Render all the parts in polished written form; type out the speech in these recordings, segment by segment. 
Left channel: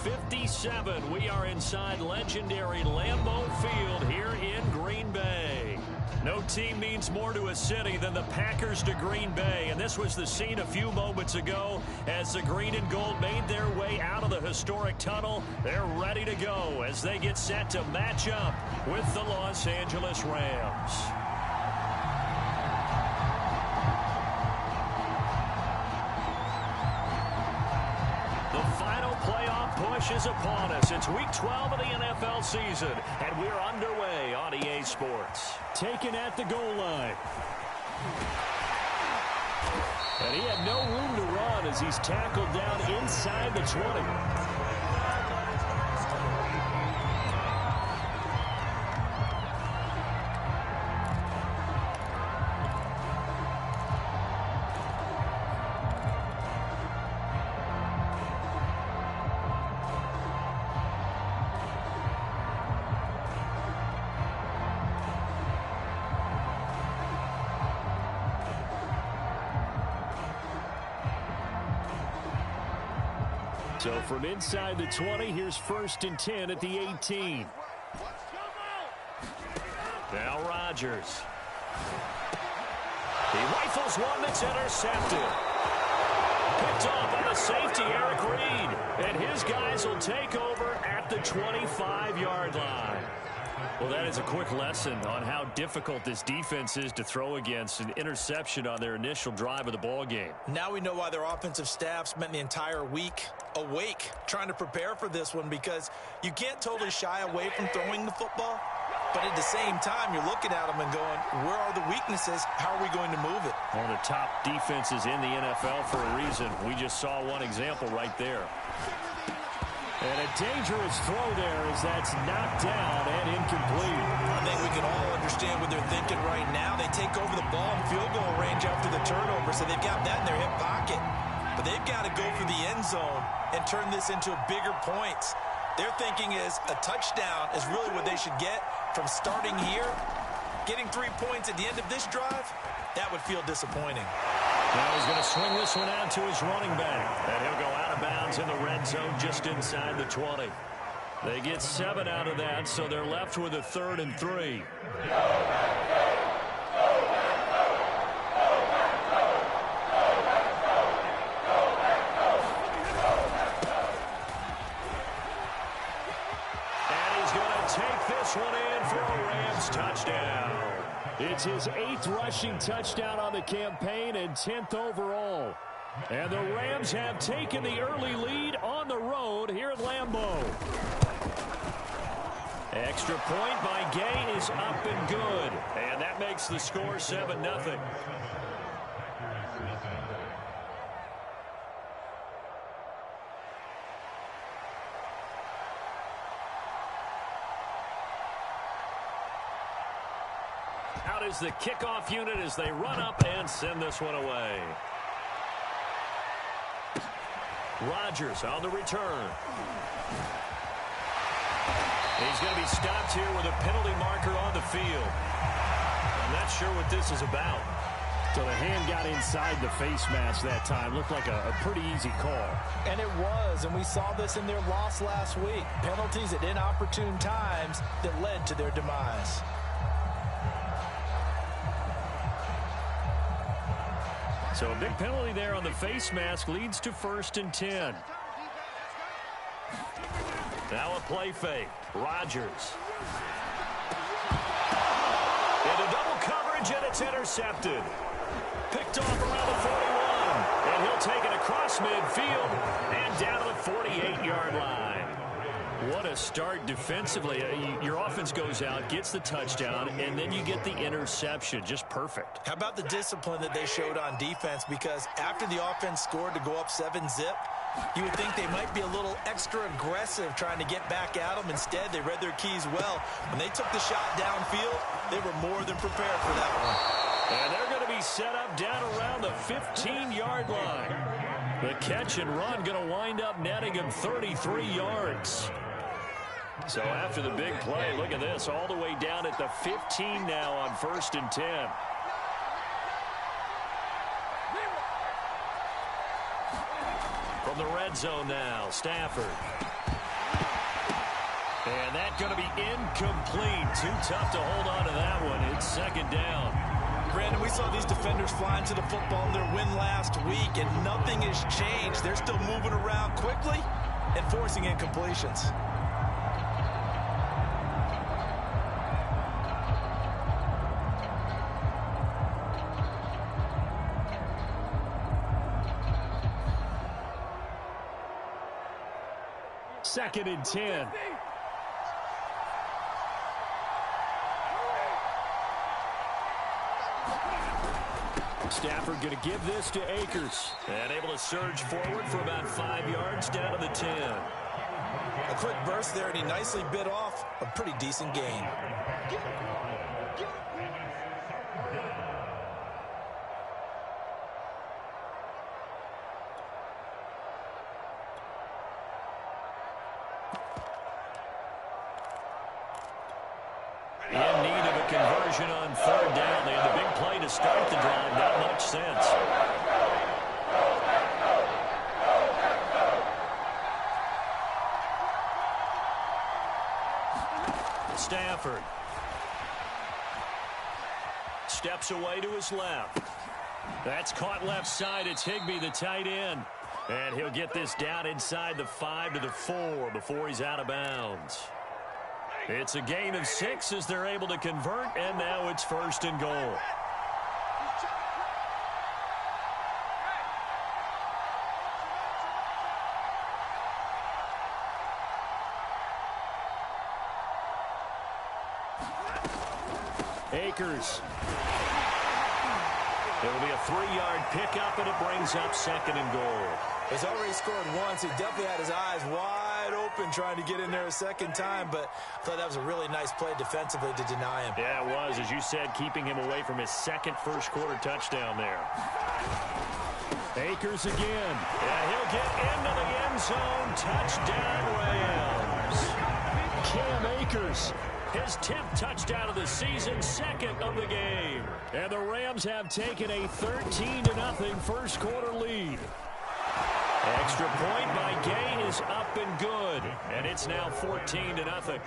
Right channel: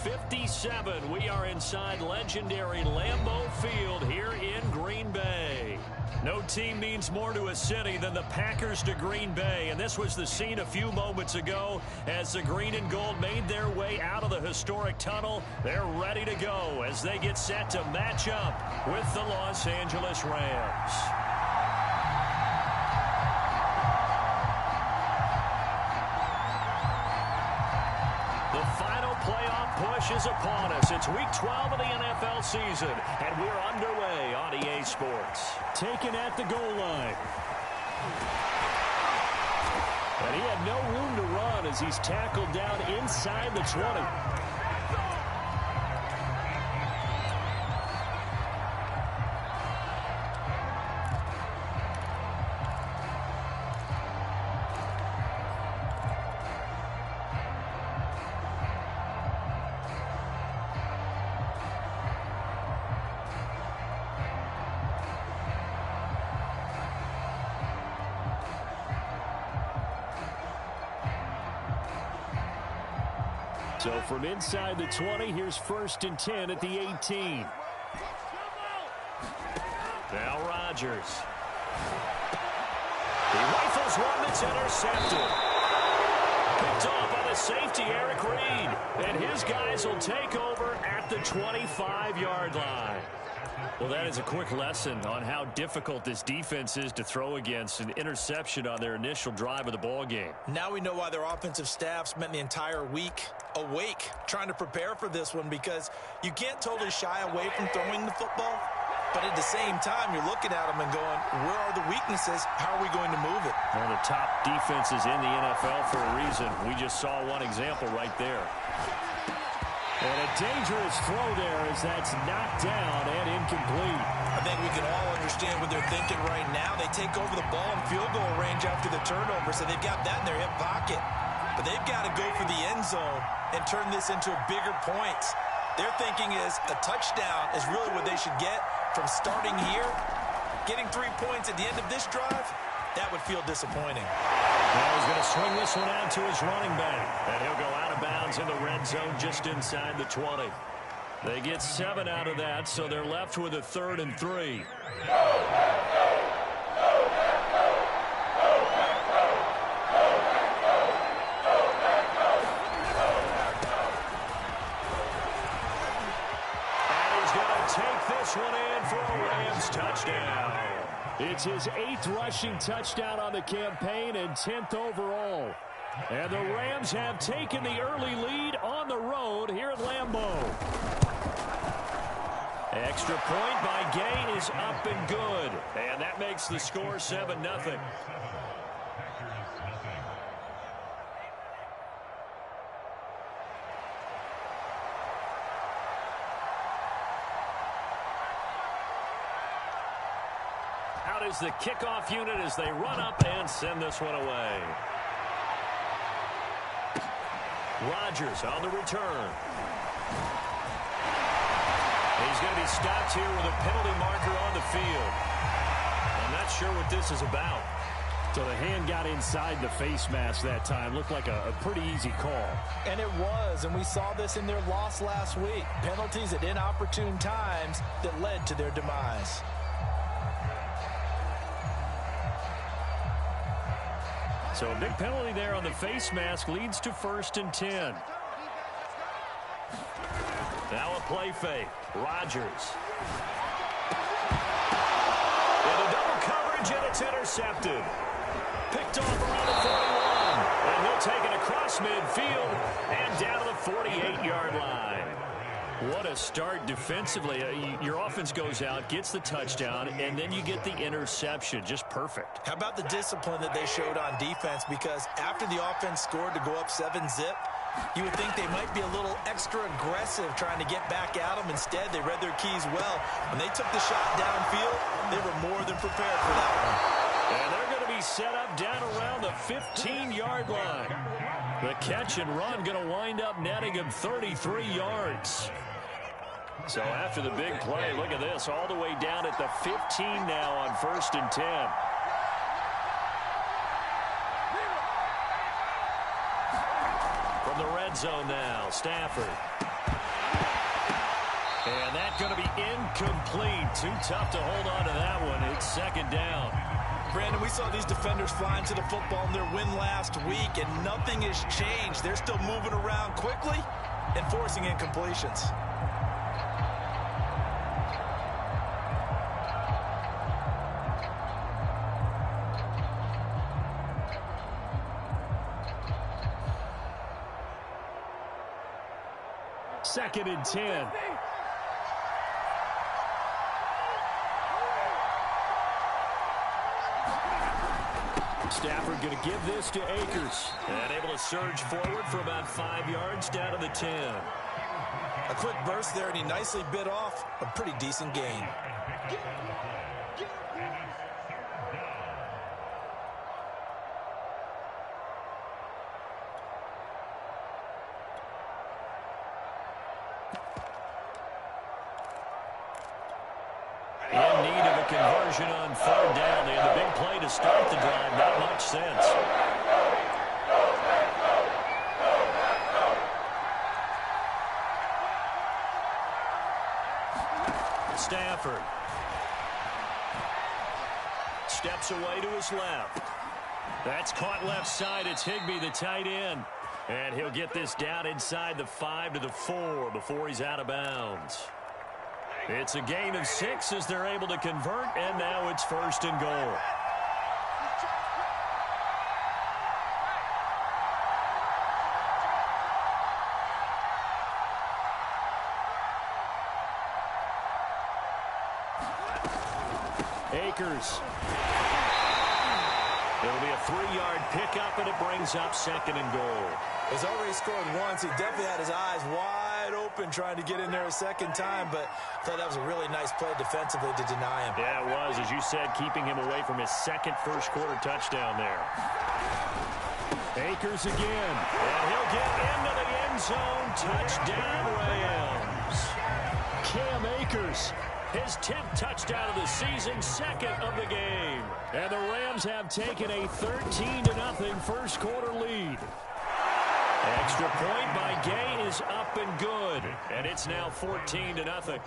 57. We are inside legendary Lambeau Field here in Green Bay. No team means more to a city than the Packers to Green Bay, and this was the scene a few moments ago as the green and gold made their way out of the historic tunnel. They're ready to go as they get set to match up with the Los Angeles Rams. The final playoff push is upon us. It's week 12 of the NFL season, and we're underway on EA Sports. Taken at the goal line. And he had no room to run as he's tackled down inside the 20. So from inside the 20, here's 1st and 10 at the 18. Now Rodgers. He rifles one that's intercepted. Picked off by the safety, Eric Reed. And his guys will take over at the 25-yard line. Well, that is a quick lesson on how difficult this defense is to throw against. An interception on their initial drive of the ball game. Now we know why their offensive staff spent the entire week awake trying to prepare for this one, because you can't totally shy away from throwing the football, but at the same time you're looking at them and going, where are the weaknesses? How are we going to move it? One of the top defenses in the NFL for a reason. We just saw one example right there. And a dangerous throw there as that's knocked down and incomplete. I think we can all understand what they're thinking right now. They take over the ball in field goal range after the turnover, so they've got that in their hip pocket. But they've got to go for the end zone and turn this into bigger points. Their thinking is a touchdown is really what they should get from starting here. Getting 3 points at the end of this drive, that would feel disappointing. Now he's going to swing this one out to his running back. And he'll go out of bounds in the red zone just inside the 20. They get 7 out of that, so they're left with a 3rd and 3. And he's going to take this one in for a Rams touchdown. It's his 8th rushing touchdown on the campaign and 10th overall. And the Rams have taken the early lead on the road here at Lambeau. Extra point by Gay is up and good. And that makes the score 7-0. Out is the kickoff unit as they run up and send this one away. Rodgers on the return. He's going to be stopped here with a penalty marker on the field. I'm not sure what this is about. So the hand got inside the face mask that time. Looked like a pretty easy call. And it was, and we saw this in their loss last week. Penalties at inopportune times that led to their demise. So a big penalty there on the face mask leads to 1st and 10. Now a play fake. Rodgers. Into double coverage, and it's intercepted. Picked off around the 41. And he'll take it across midfield and down to the 48-yard line. What a start defensively. Your offense goes out, gets the touchdown, and then you get the interception. Just perfect. How about the discipline that they showed on defense? Because after the offense scored to go up 7-zip, you would think they might be a little extra aggressive trying to get back at them. Instead, they read their keys well. When they took the shot downfield, they were more than prepared for that one. And they're going to be set up down around the 15-yard line. The catch and run going to wind up netting him 33 yards. So after the big play, look at this, all the way down at the 15 now on 1st and 10. From the red zone now, Stafford. And that's going to be incomplete. Too tough to hold on to that one. It's second down. Brandon, we saw these defenders flying to the football in their win last week, and nothing has changed. They're still moving around quickly and forcing incompletions. Second and 10. Stafford going to give this to Akers. And able to surge forward for about 5 yards down to the 10. A quick burst there, and he nicely bit off a pretty decent gain. In need of a conversion on third down. They had the big play to start the drive. Not much sense. Stafford. Steps away to his left. That's caught left side. It's Higbee, the tight end. And he'll get this down inside the 5 to the 4 before he's out of bounds. It's a gain of 6 as they're able to convert, and now it's first and goal. Akers. It'll be a 3-yard pickup, and it brings up second and goal. He's already scored once. He definitely had his eyes wide open trying to get in there a second time, but I thought that was a really nice play defensively to deny him. Yeah, it was, as you said, keeping him away from his second first-quarter touchdown there. Akers again, and he'll get into the end zone. Touchdown, Rams. Cam Akers, his 10th touchdown of the season, second of the game. And the Rams have taken a 13-0 first-quarter lead. Extra point by Gay is up and good, and it's now 14-0.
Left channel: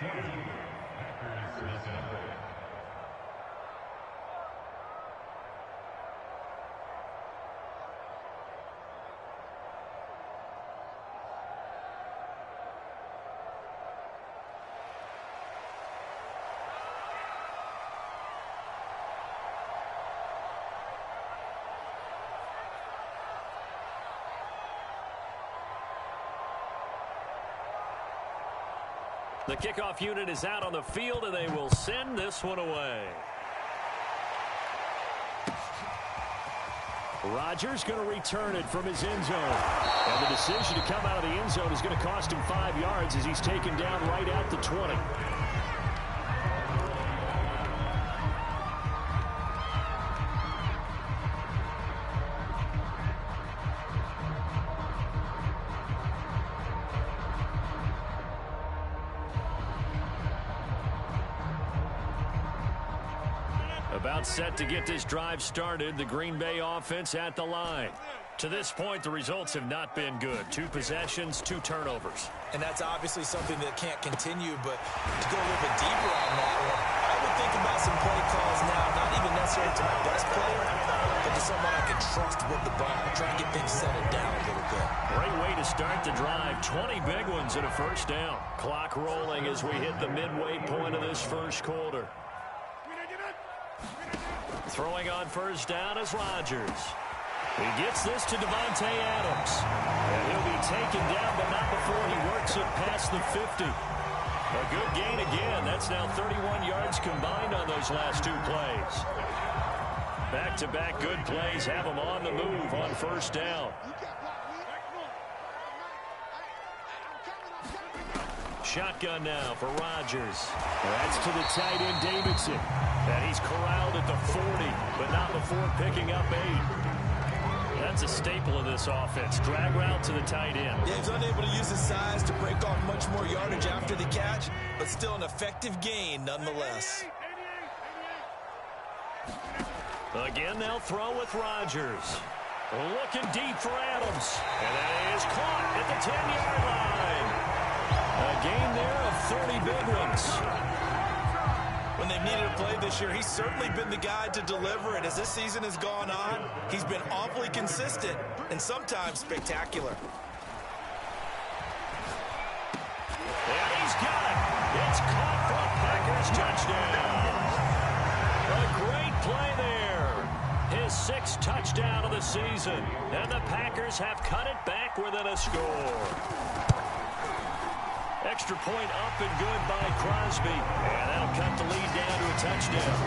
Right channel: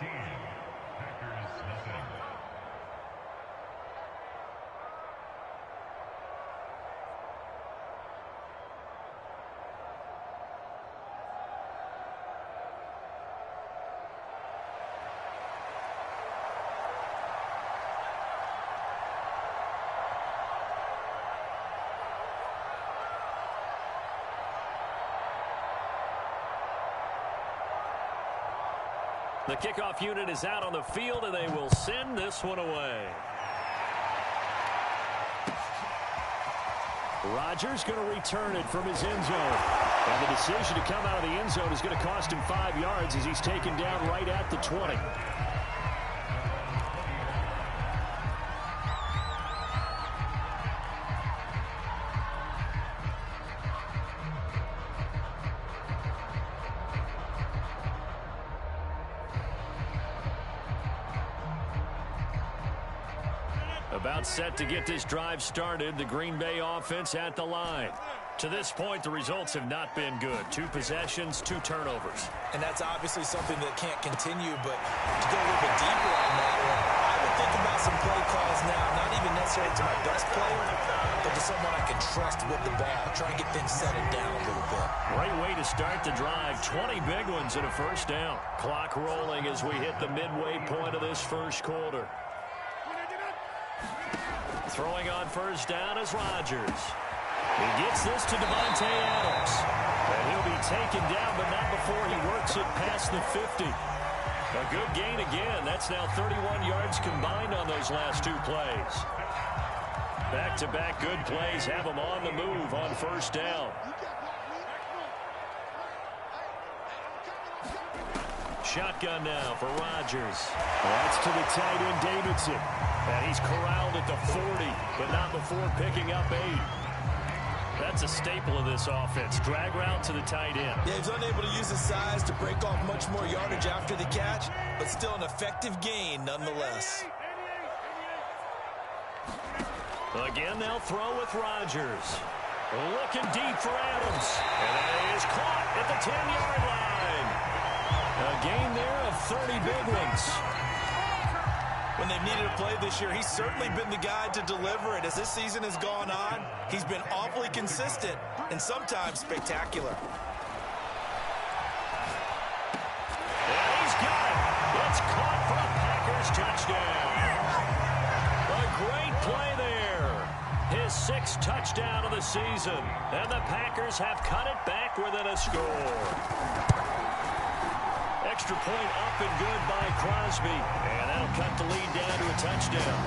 The kickoff unit is out on the field, and they will send this one away. Rodgers going to return it from his end zone. And the decision to come out of the end zone is going to cost him 5 yards as he's taken down right at the 20. About set to get this drive started. The Green Bay offense at the line. To this point, the results have not been good. 2 possessions, 2 turnovers. And that's obviously something that can't continue, but to go a little bit deeper on that one, I would think about some play calls now, not even necessarily to my best player, but to someone I can trust with the ball. Try and get things settled down a little bit. Great way to start the drive. 20 big ones and a first down. Clock rolling as we hit the midway point of this first quarter. Throwing on first down is Rodgers. He gets this to Devontae Adams. And he'll be taken down, but not before he works it past the 50. A good gain again. That's now 31 yards combined on those last 2 plays. Back-to-back good plays have him on the move on first down. Shotgun now for Rodgers. That's to the tight end, Davidson. And he's corralled at the 40, but not before picking up 8. That's a staple of this offense. Drag route to the tight end. Yeah, he's unable to use his size to break off much more yardage after the catch, but still an effective gain nonetheless. Again, they'll throw with Rodgers. Looking deep for Adams. And that is caught at the 10-yard line. A gain there of 30 big ones. When they've needed a play this year, he's certainly been the guy to deliver it. As this season has gone on, he's been awfully consistent and sometimes spectacular. And he's got it. It's caught for a Packers touchdown. A great play there. His 6th touchdown of the season. And the Packers have cut it back within a score. Extra point up and good by Crosby. And that'll cut the lead down to a touchdown.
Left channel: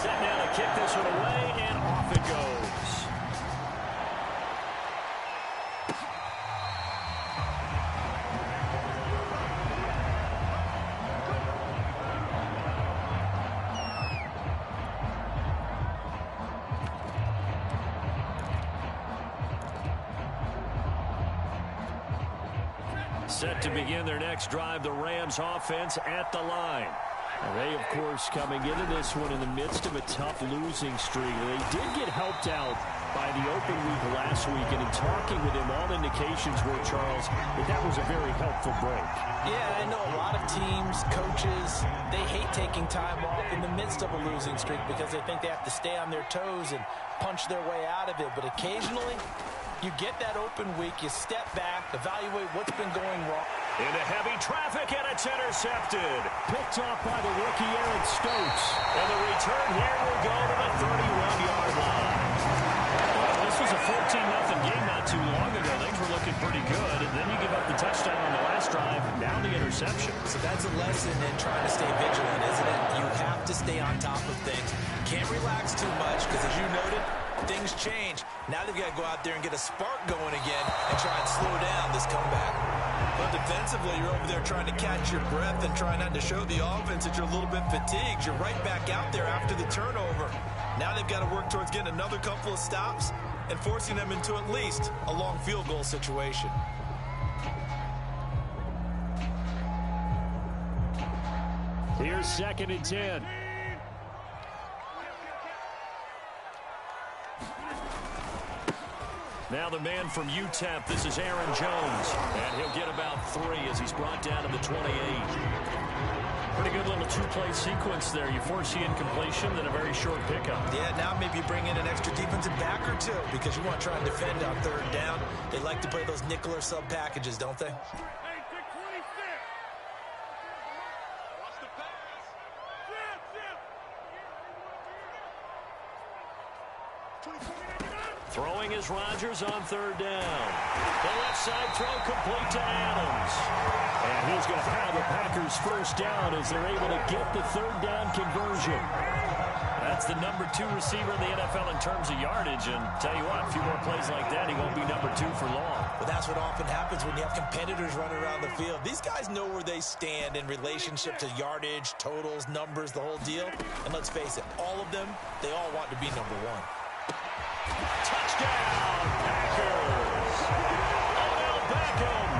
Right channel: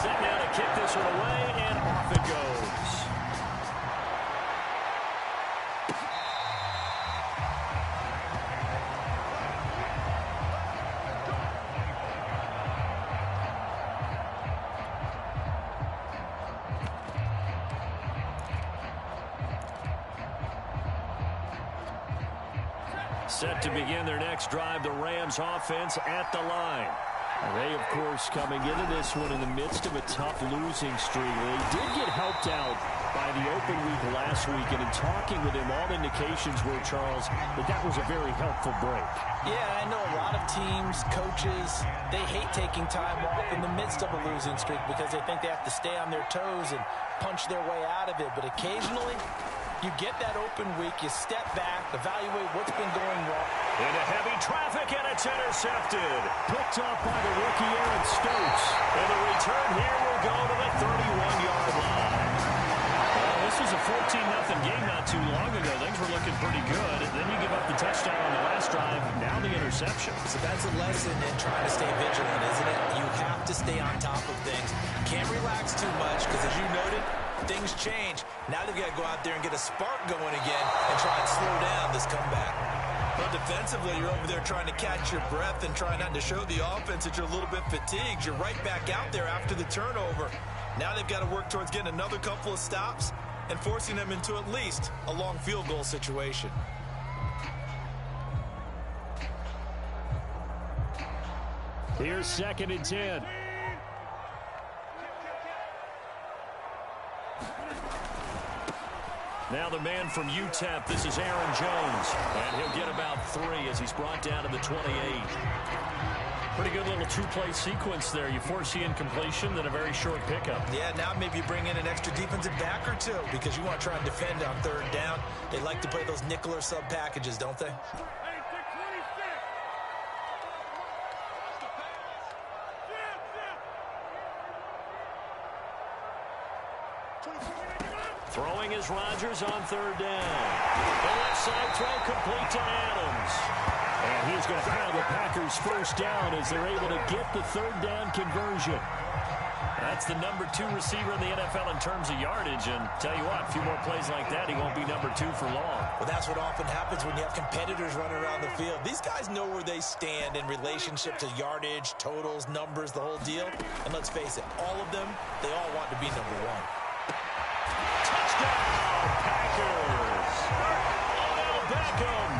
Set now to kick this one away, and off it goes. Set to begin their next drive, the Rams offense at the line. And they, of course, coming into this one in the midst of a tough losing streak. They did get helped out by the open week last week, and in talking with him, all indications were, Charles, that was a very helpful break. Yeah, I know a lot of teams, coaches, they hate taking time off in the midst of a losing streak because they think they have to stay on their toes and punch their way out of it. But occasionally, you get that open week, you step back, evaluate what's been going wrong. Into heavy traffic, and it's intercepted. Picked off by the rookie Aaron Stokes. And the return here will go to the 31-yard line. Well, this was a 14-0 game not too long ago. Things were looking pretty good. And then you give up the touchdown on the last drive. Now the interception. So that's a lesson in trying to stay vigilant, isn't it? You have to stay on top of things. Can't relax too much because, as you noted, things change. Now they've got to go out there and get a spark going again and try and slow down this comeback. But defensively, you're over there trying to catch your breath and trying not to show the offense that you're a little bit fatigued. You're right back out there after the turnover. Now they've got to work towards getting another couple of stops and forcing them into at least a long field goal situation. Here's 2nd and 10. Now the man from UTEP, this is Aaron Jones. And he'll get about 3 as he's brought down to the 28. Pretty good little two-play sequence there. You force the incompletion, then a very short pickup. Yeah, now maybe you bring in an extra defensive back or two because you want to try and defend on 3rd down. They like to play those nickel or sub packages, don't they? Throwing is Rodgers on 3rd down. The left side throw complete to Adams. And he's going to have the Packers 1st down as they're able to get the 3rd down conversion. That's the number 2 receiver in the NFL in terms of yardage. And tell you what, a few more plays like that, he won't be number 2 for long. Well, that's what often happens when you have competitors running around the field. These guys know where they stand in relationship to yardage, totals, numbers, the whole deal. And let's face it, all of them, they all want to be number 1. Touchdown, Packers! Odell Beckham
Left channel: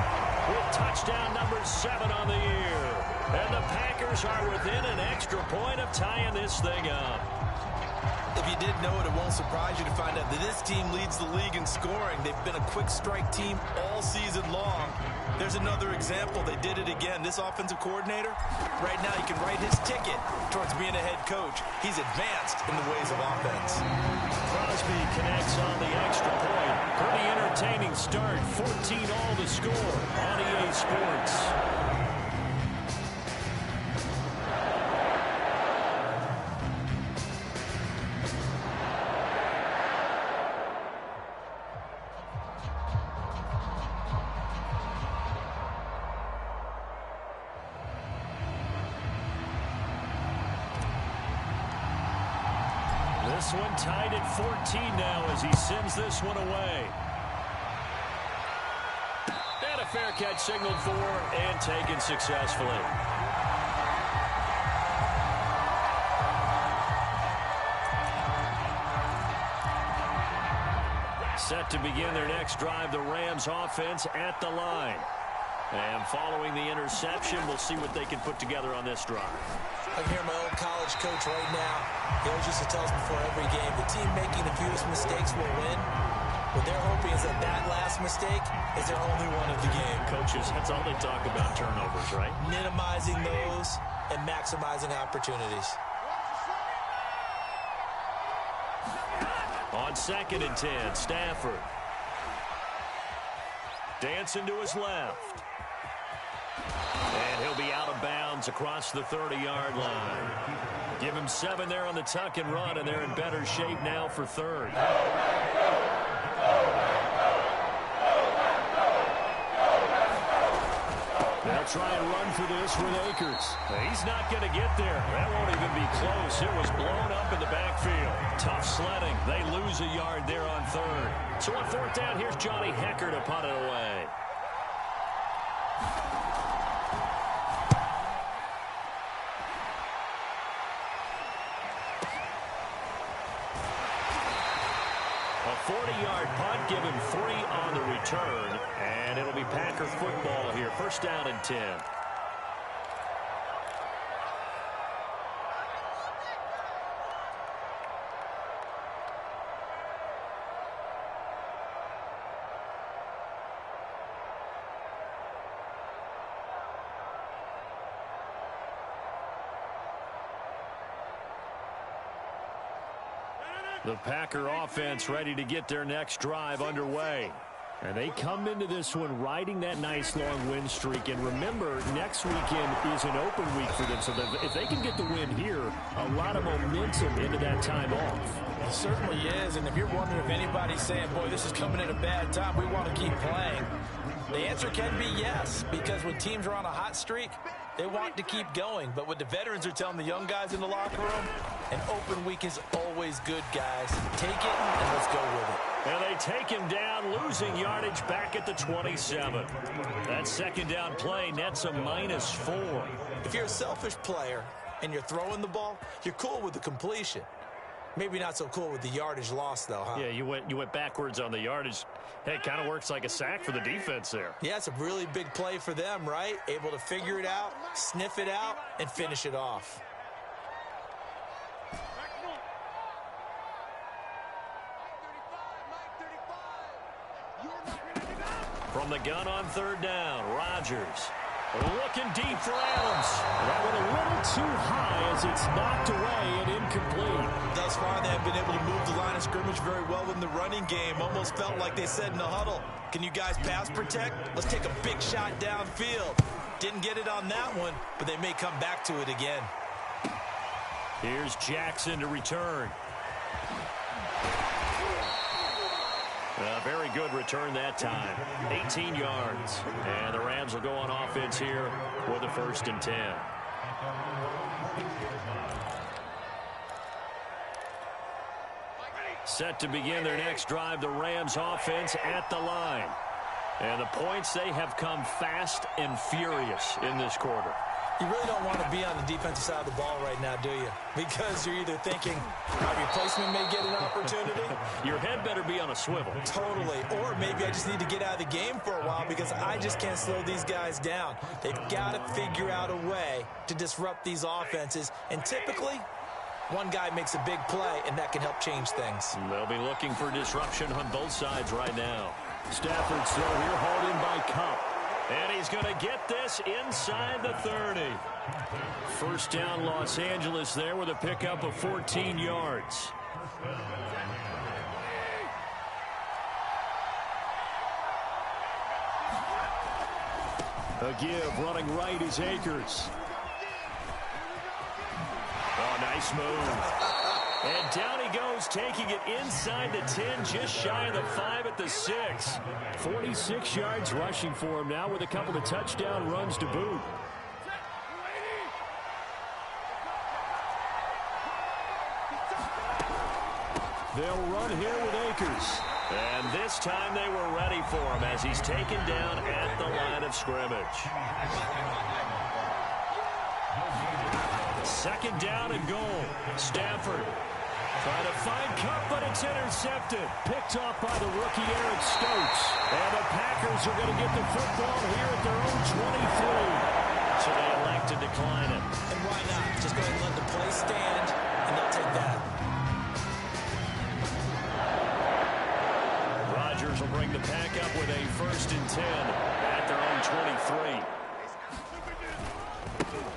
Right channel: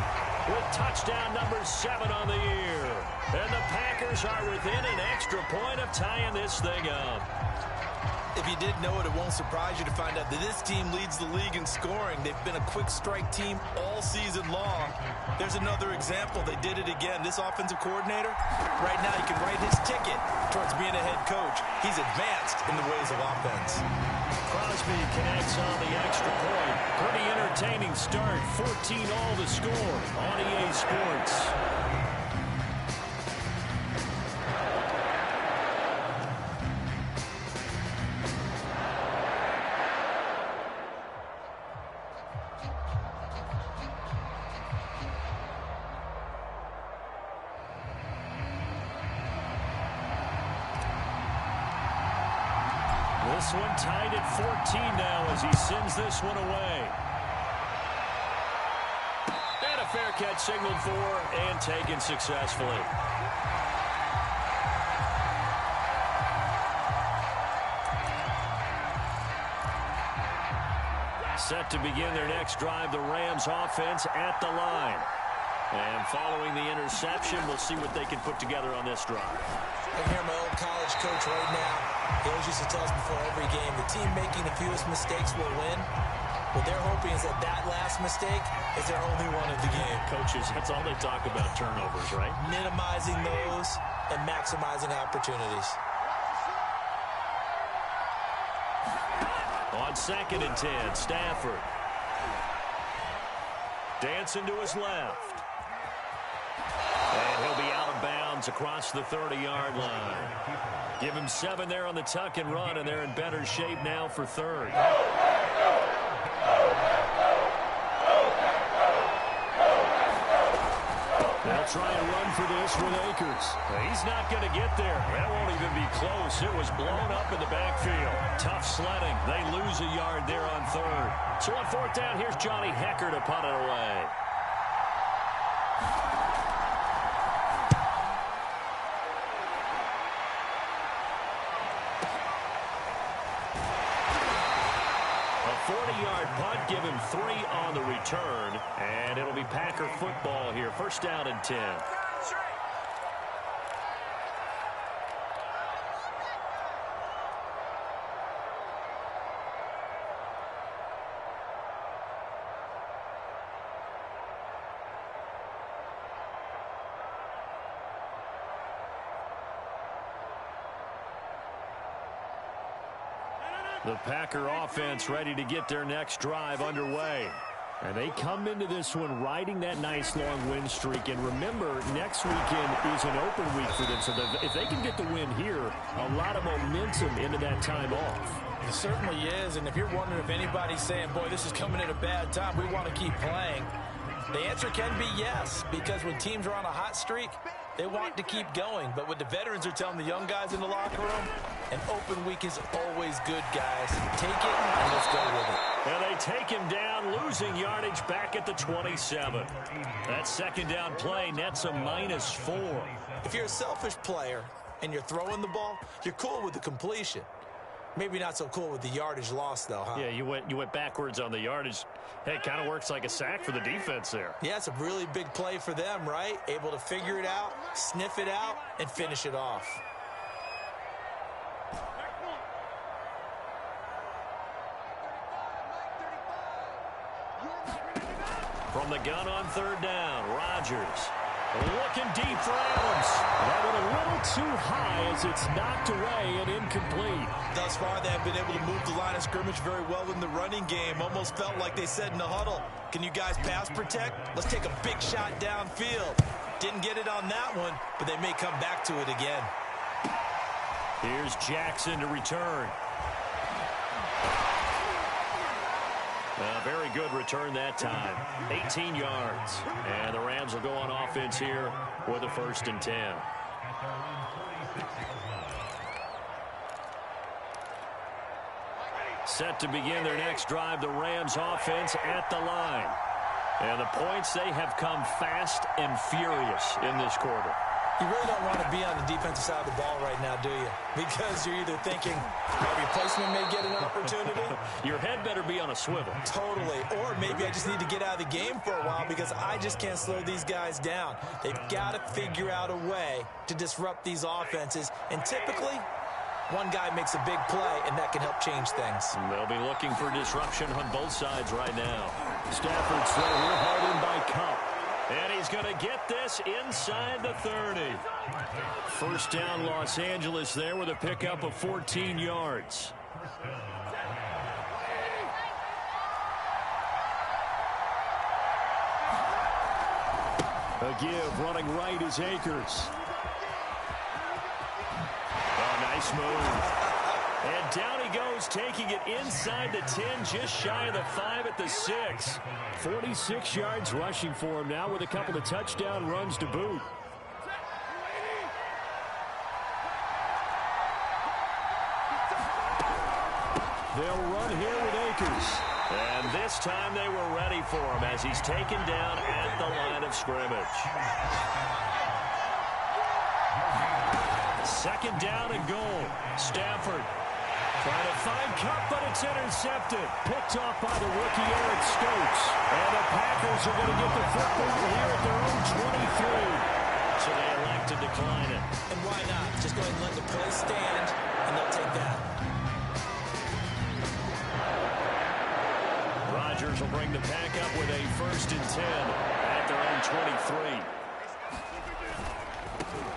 with touchdown number 7 on the year. And the Packers are within an extra point of tying this thing up. If you didn't know it, it won't surprise you to find out that this team leads the league in scoring. They've been a quick strike team all season long. There's another example. They did it again. This offensive coordinator, right now he can write his ticket towards being a head coach. He's advanced in the ways of offense. Crosby connects on the extra point. Pretty entertaining start. 14 all to score on EA Sports. This one tied at 14 now as he sends this one away. And a fair catch signaled for and taken successfully. Set to begin their next drive, the Rams offense at the line. And following the interception, we'll see what they can put together on this drive. I can hear my old college coach right now. He always used to tell us before every game, the team making the fewest mistakes will win. What they're hoping is that that last mistake is their only one of the game. Coaches, that's all they talk about, turnovers, right? Minimizing those and maximizing opportunities. On 2nd and 10, Stafford. Dancing to his left. And he'll be out of bounds across the 30-yard line. Give him 7 there on the tuck and run, and they're in better shape now for 3rd. They'll try and run for this with Akers. He's not going to get there. That won't even be close. It was blown up in the backfield. Tough sledding. They lose a yard there on 3rd. So on 4th down, here's Johnny Hecker to punt it away. A 40-yard punt, give him 3 on the return, and it'll be Packer football here. 1st down and 10. The Packer offense ready to get their next drive underway. And they come into this one riding that nice long win streak. And remember, next weekend is an open week for them. So if they can get the win here, a lot of momentum into that time off. It certainly is. And if you're wondering if anybody's saying, boy, this is coming at a bad time, we want to keep playing, the answer can be yes. Because when teams are on a hot streak, they want to keep going. But what the veterans are telling the young guys in the locker room, an open week is always good, guys. Take it and let's go with it. And they take him down, losing yardage back at the 27. That 2nd down play nets a -4. If you're a selfish player and you're throwing the ball, you're cool with the completion. Maybe not so cool with the yardage loss, though, huh? Yeah, you went backwards on the yardage. Hey, it kind of works like a sack for the defense there. Yeah, it's a really big play for them, right? Able to figure it out, sniff it out, and finish it off. From the gun on 3rd down, Rodgers looking deep for Adams. That went a little too high as it's knocked away and incomplete. Thus far, they have been able to move the line of scrimmage very well in the running game. Almost felt like they said in the huddle, can you guys pass protect? Let's take a big shot downfield. Didn't get it on that one, but they may come back to it again. Here's Jackson to return. A very good return that time. 18 yards. And the Rams will go on offense here with a 1st and 10. Set to begin their next drive, the Rams offense at the line. And the points, they have come fast and furious in this quarter. You really don't want to be on the defensive side of the ball right now, do you? Because you're either thinking my replacement may get an opportunity. Your head better be on a swivel. Totally. Or maybe I just need to get out of the game for a while because I just can't slow these guys down. They've got to figure out a way to disrupt these offenses. And typically, one guy makes a big play, and that can help change things. They'll be looking for disruption on both sides right now. Stafford's throw here hauled in by Kupp. And he's going to get this inside the 30. 1st down, Los Angeles there with a pickup of 14 yards. A give, running right is Akers. Oh, nice move. And down he goes, taking it inside the 10, just shy of the 5 at the 6. 46 yards rushing for him now with a couple of touchdown runs to boot. They'll run here with Akers. And this time they were ready for him as he's taken down at the line of scrimmage. 2nd down and goal. Stafford trying to find Kupp, but it's intercepted. Picked off by the rookie Eric Stokes. And the Packers are going to get the football here at their own 23. So they elect to decline it. And why not? Just go ahead and let the play stand, and they'll take that. will bring the pack up with a 1st and 10 at their own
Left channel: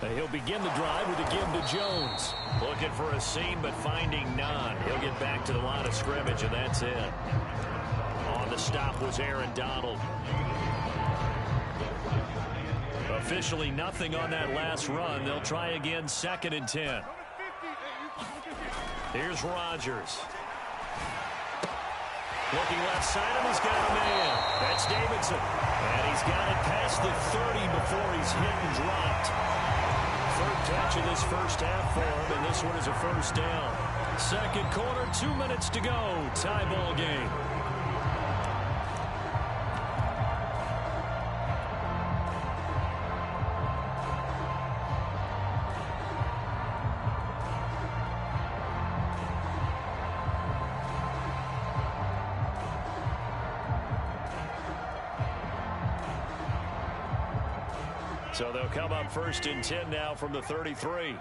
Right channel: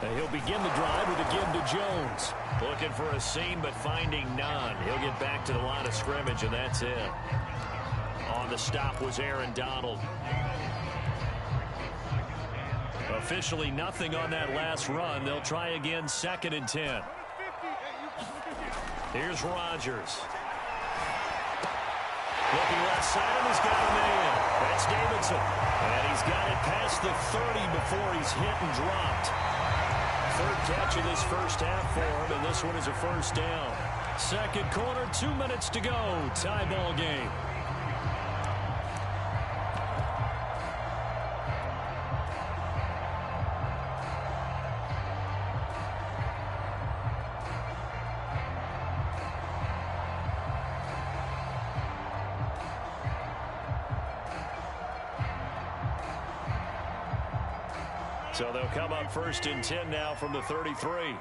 23. He'll begin the drive with a give to Jones. Looking for a seam, but finding none. He'll get back to the line of scrimmage, and that's it. On the stop was Aaron Donald. Officially nothing on that last run. They'll try again, 2nd and 10. Here's Rodgers. Looking left side, and he's got a man. That's Davidson. And he's got it past the 30 before he's hit and dropped. 3rd catch of this first half for him, and this one is a 1st down. 2nd quarter, 2 minutes to go. Tie ball game. So they'll come up 1st and 10 now from the 33.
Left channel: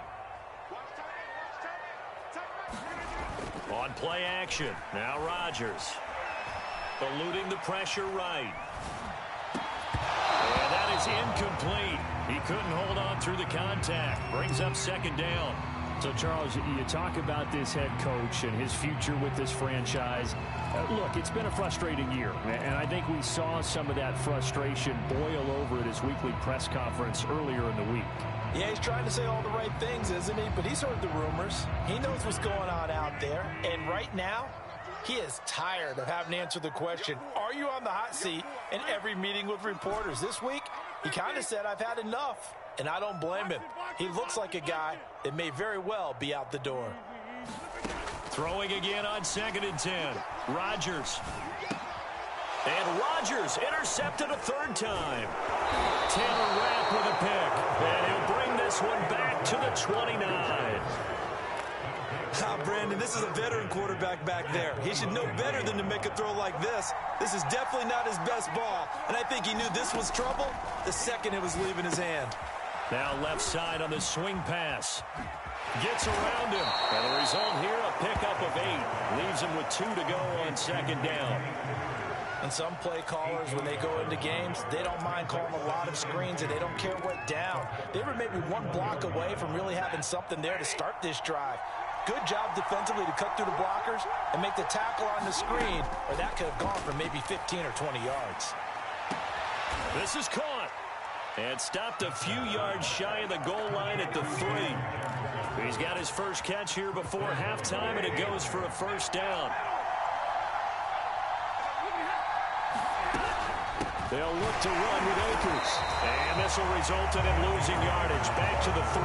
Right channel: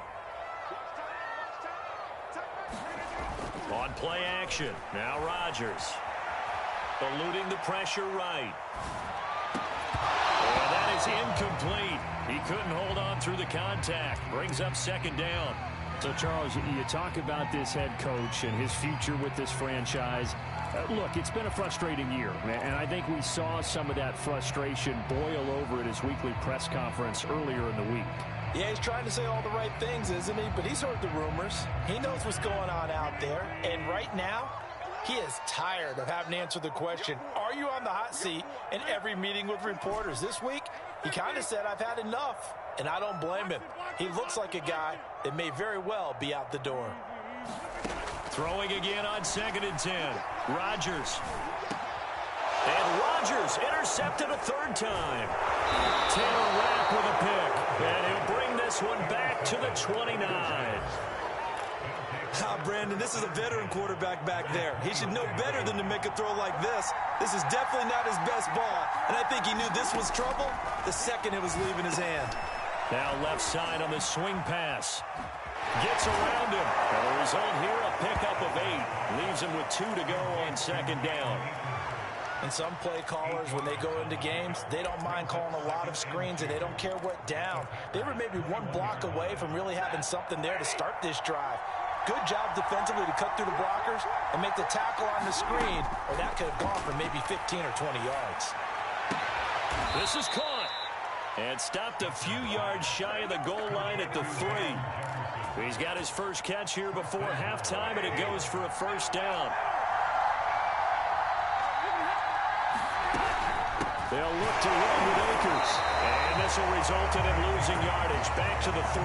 On play action. Now Rodgers. Eluding the pressure right. And that is incomplete. He couldn't hold on through the contact. Brings up 2nd down. So, Charles, you talk about this head coach and his future with this franchise. Look, it's been a frustrating year, and I think we saw some of that frustration boil over at his weekly press conference earlier in the week. Yeah, he's trying to say all the right things, isn't he? But he's heard the rumors. He knows what's going on out there. And right now, he is tired of having to answer the question, are you on the hot seat, in every meeting with reporters. This week, he kind of said, I've had enough. And I don't blame him. He looks like a guy that may very well be out the door. Throwing again on 2nd and 10. Rodgers. And Rodgers intercepted a 3rd time. Taylor Rapp with a pick. And he'll bring this one back to the 29. Brandon, this is a veteran quarterback back there. He should know better than to make a throw like this. This is definitely not his best ball. And I think he knew this was trouble the second it was leaving his hand. Now left side on the swing pass. Gets around him. And the result here, a pickup of 8. Leaves him with 2 to go on 2nd down. And some play callers, when they go into games, they don't mind calling a lot of screens, and they don't care what down. They were maybe 1 block away from really having something there to start this drive. Good job defensively to cut through the blockers and make the tackle on the screen, or that could have gone for maybe 15 or 20 yards. This is caught. And stopped a few yards shy of the goal line at the 3. He's got his first catch here before halftime, and it goes for a 1st down. They'll look to run with Akers. And this will result in him losing yardage. Back to the 3.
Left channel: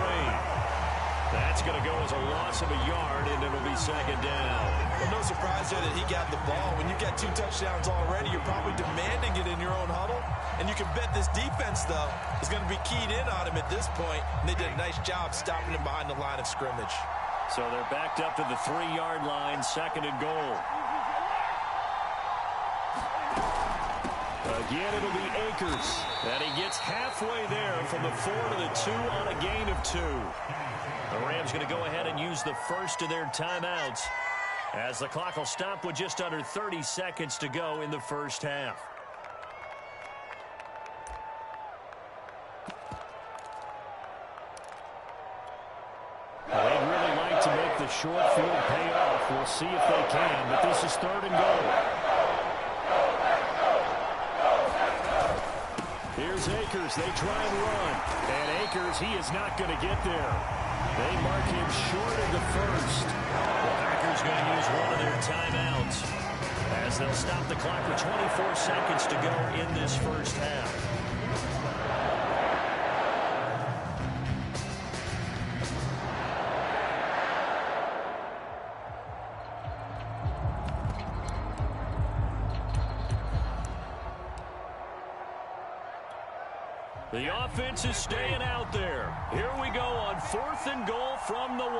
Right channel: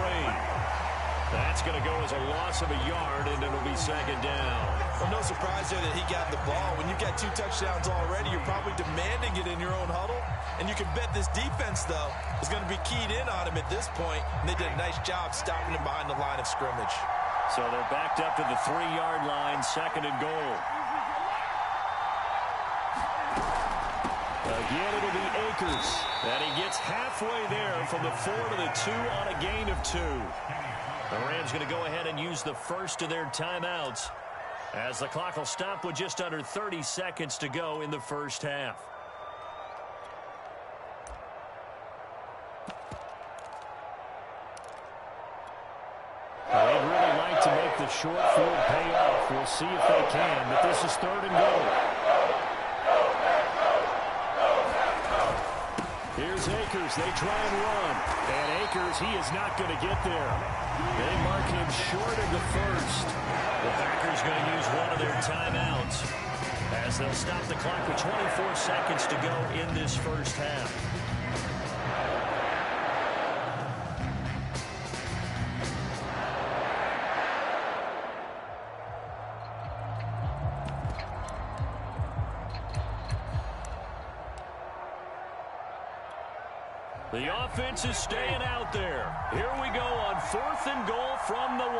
That's going to go as a loss of a yard, and it'll be 2nd down. Well, no surprise there that he got the ball. When you've got 2 touchdowns already, you're probably demanding it in your own huddle. And you can bet this defense, though, is going to be keyed in on him at this point. And they did a nice job stopping him behind the line of scrimmage. So they're backed up to the 3-yard line, 2nd and goal. Again, it'll be Akers. And he gets halfway there from the 4 to the 2 on a gain of 2. The Rams going to go ahead and use the first of their timeouts as the clock will stop with just under 30 seconds to go in the first half. Well, they'd really like to make the short field pay off. We'll see if they can, but this is 3rd and goal. Here's Akers. They try and run. And Akers, he is not going to get there. They mark him short of the 1st. The Packers going to use one of their timeouts as they'll stop the clock with 24 seconds to go in this first half. The offense is staying out there. Here we go on 4th and goal from the 1.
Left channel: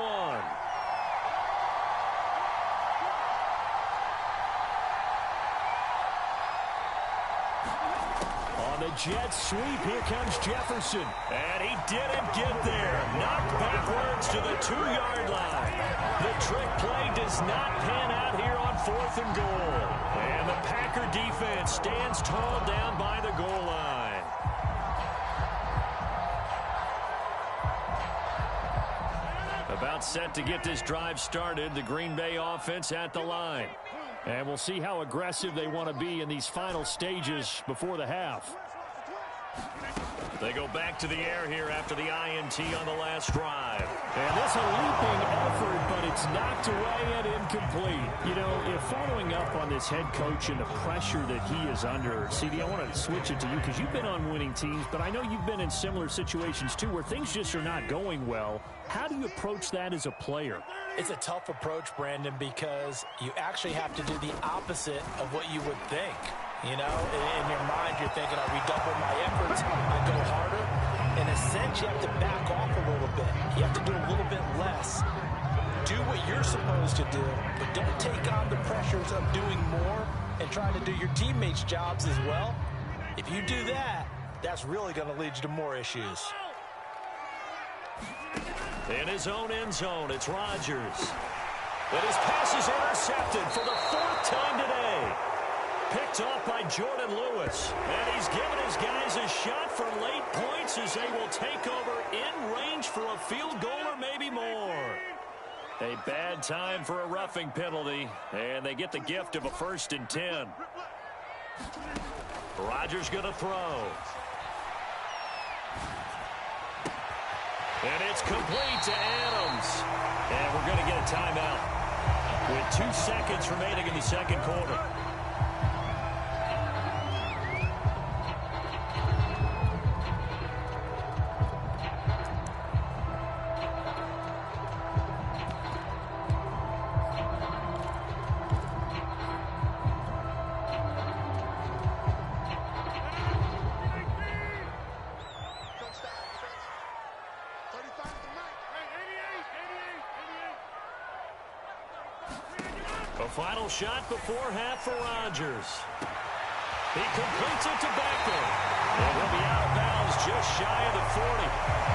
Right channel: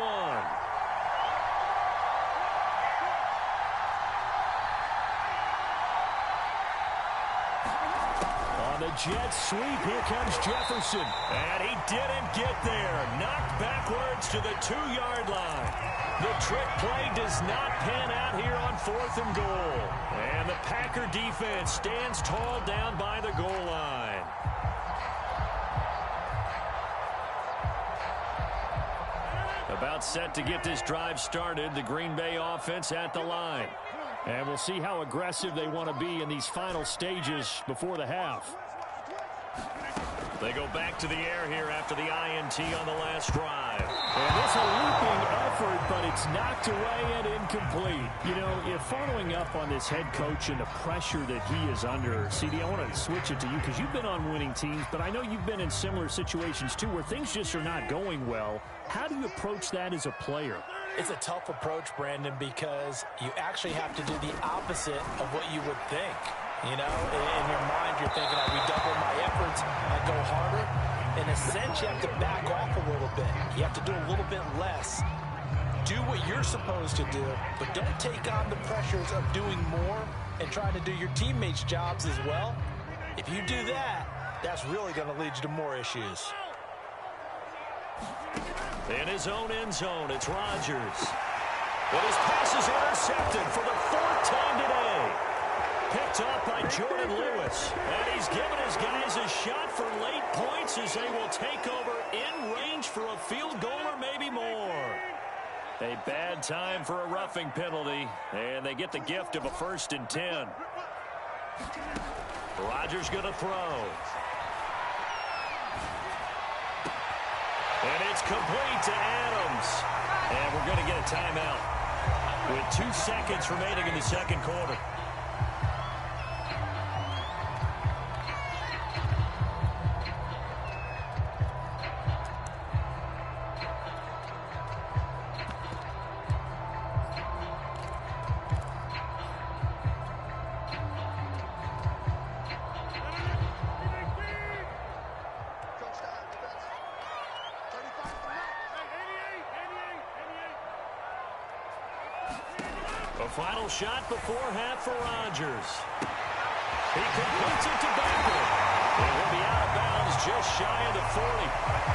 On On the jet sweep, here comes Jefferson. And he didn't get there. Knocked backwards to the 2-yard line. The trick play does not pan out here on 4th and goal. And the Packer defense stands tall down by the goal line. About set to get this drive started, the Green Bay offense at the line. And we'll see how aggressive they want to be in these final stages before the half. They go back to the air here after the INT on the last drive. And this a leaping effort, but it's knocked away and incomplete. You know, if following up on this head coach and the pressure that he is under, CD, I want to switch it to you because you've been on winning teams, but I know you've been in similar situations too where things just are not going well. How do you approach that as a player? It's a tough approach, Brandon, because you actually have to do the opposite of what you would think. You know, in your mind, you're thinking, I redouble my efforts, I go harder. In a sense, you have to back off a little bit. You have to do a little bit less. Do what you're supposed to do, but don't take on the pressures of doing more and trying to do your teammates' jobs as well. If you do that, that's really going to lead you to more issues. In his own end zone, it's Rodgers. But his pass is intercepted for the 4th time today. Picked off by Jordan Lewis. And he's given his guys a shot for late points as they will take over in range for a field goal or maybe more. A bad time for a roughing penalty. And they get the gift of a 1st and 10. Rodgers going to throw. And it's complete to Adams. And we're going to get a timeout with 2 seconds remaining in the second quarter. A final shot before half for Rodgers. He completes it to Beckham. And he'll be out of bounds just shy of the 40.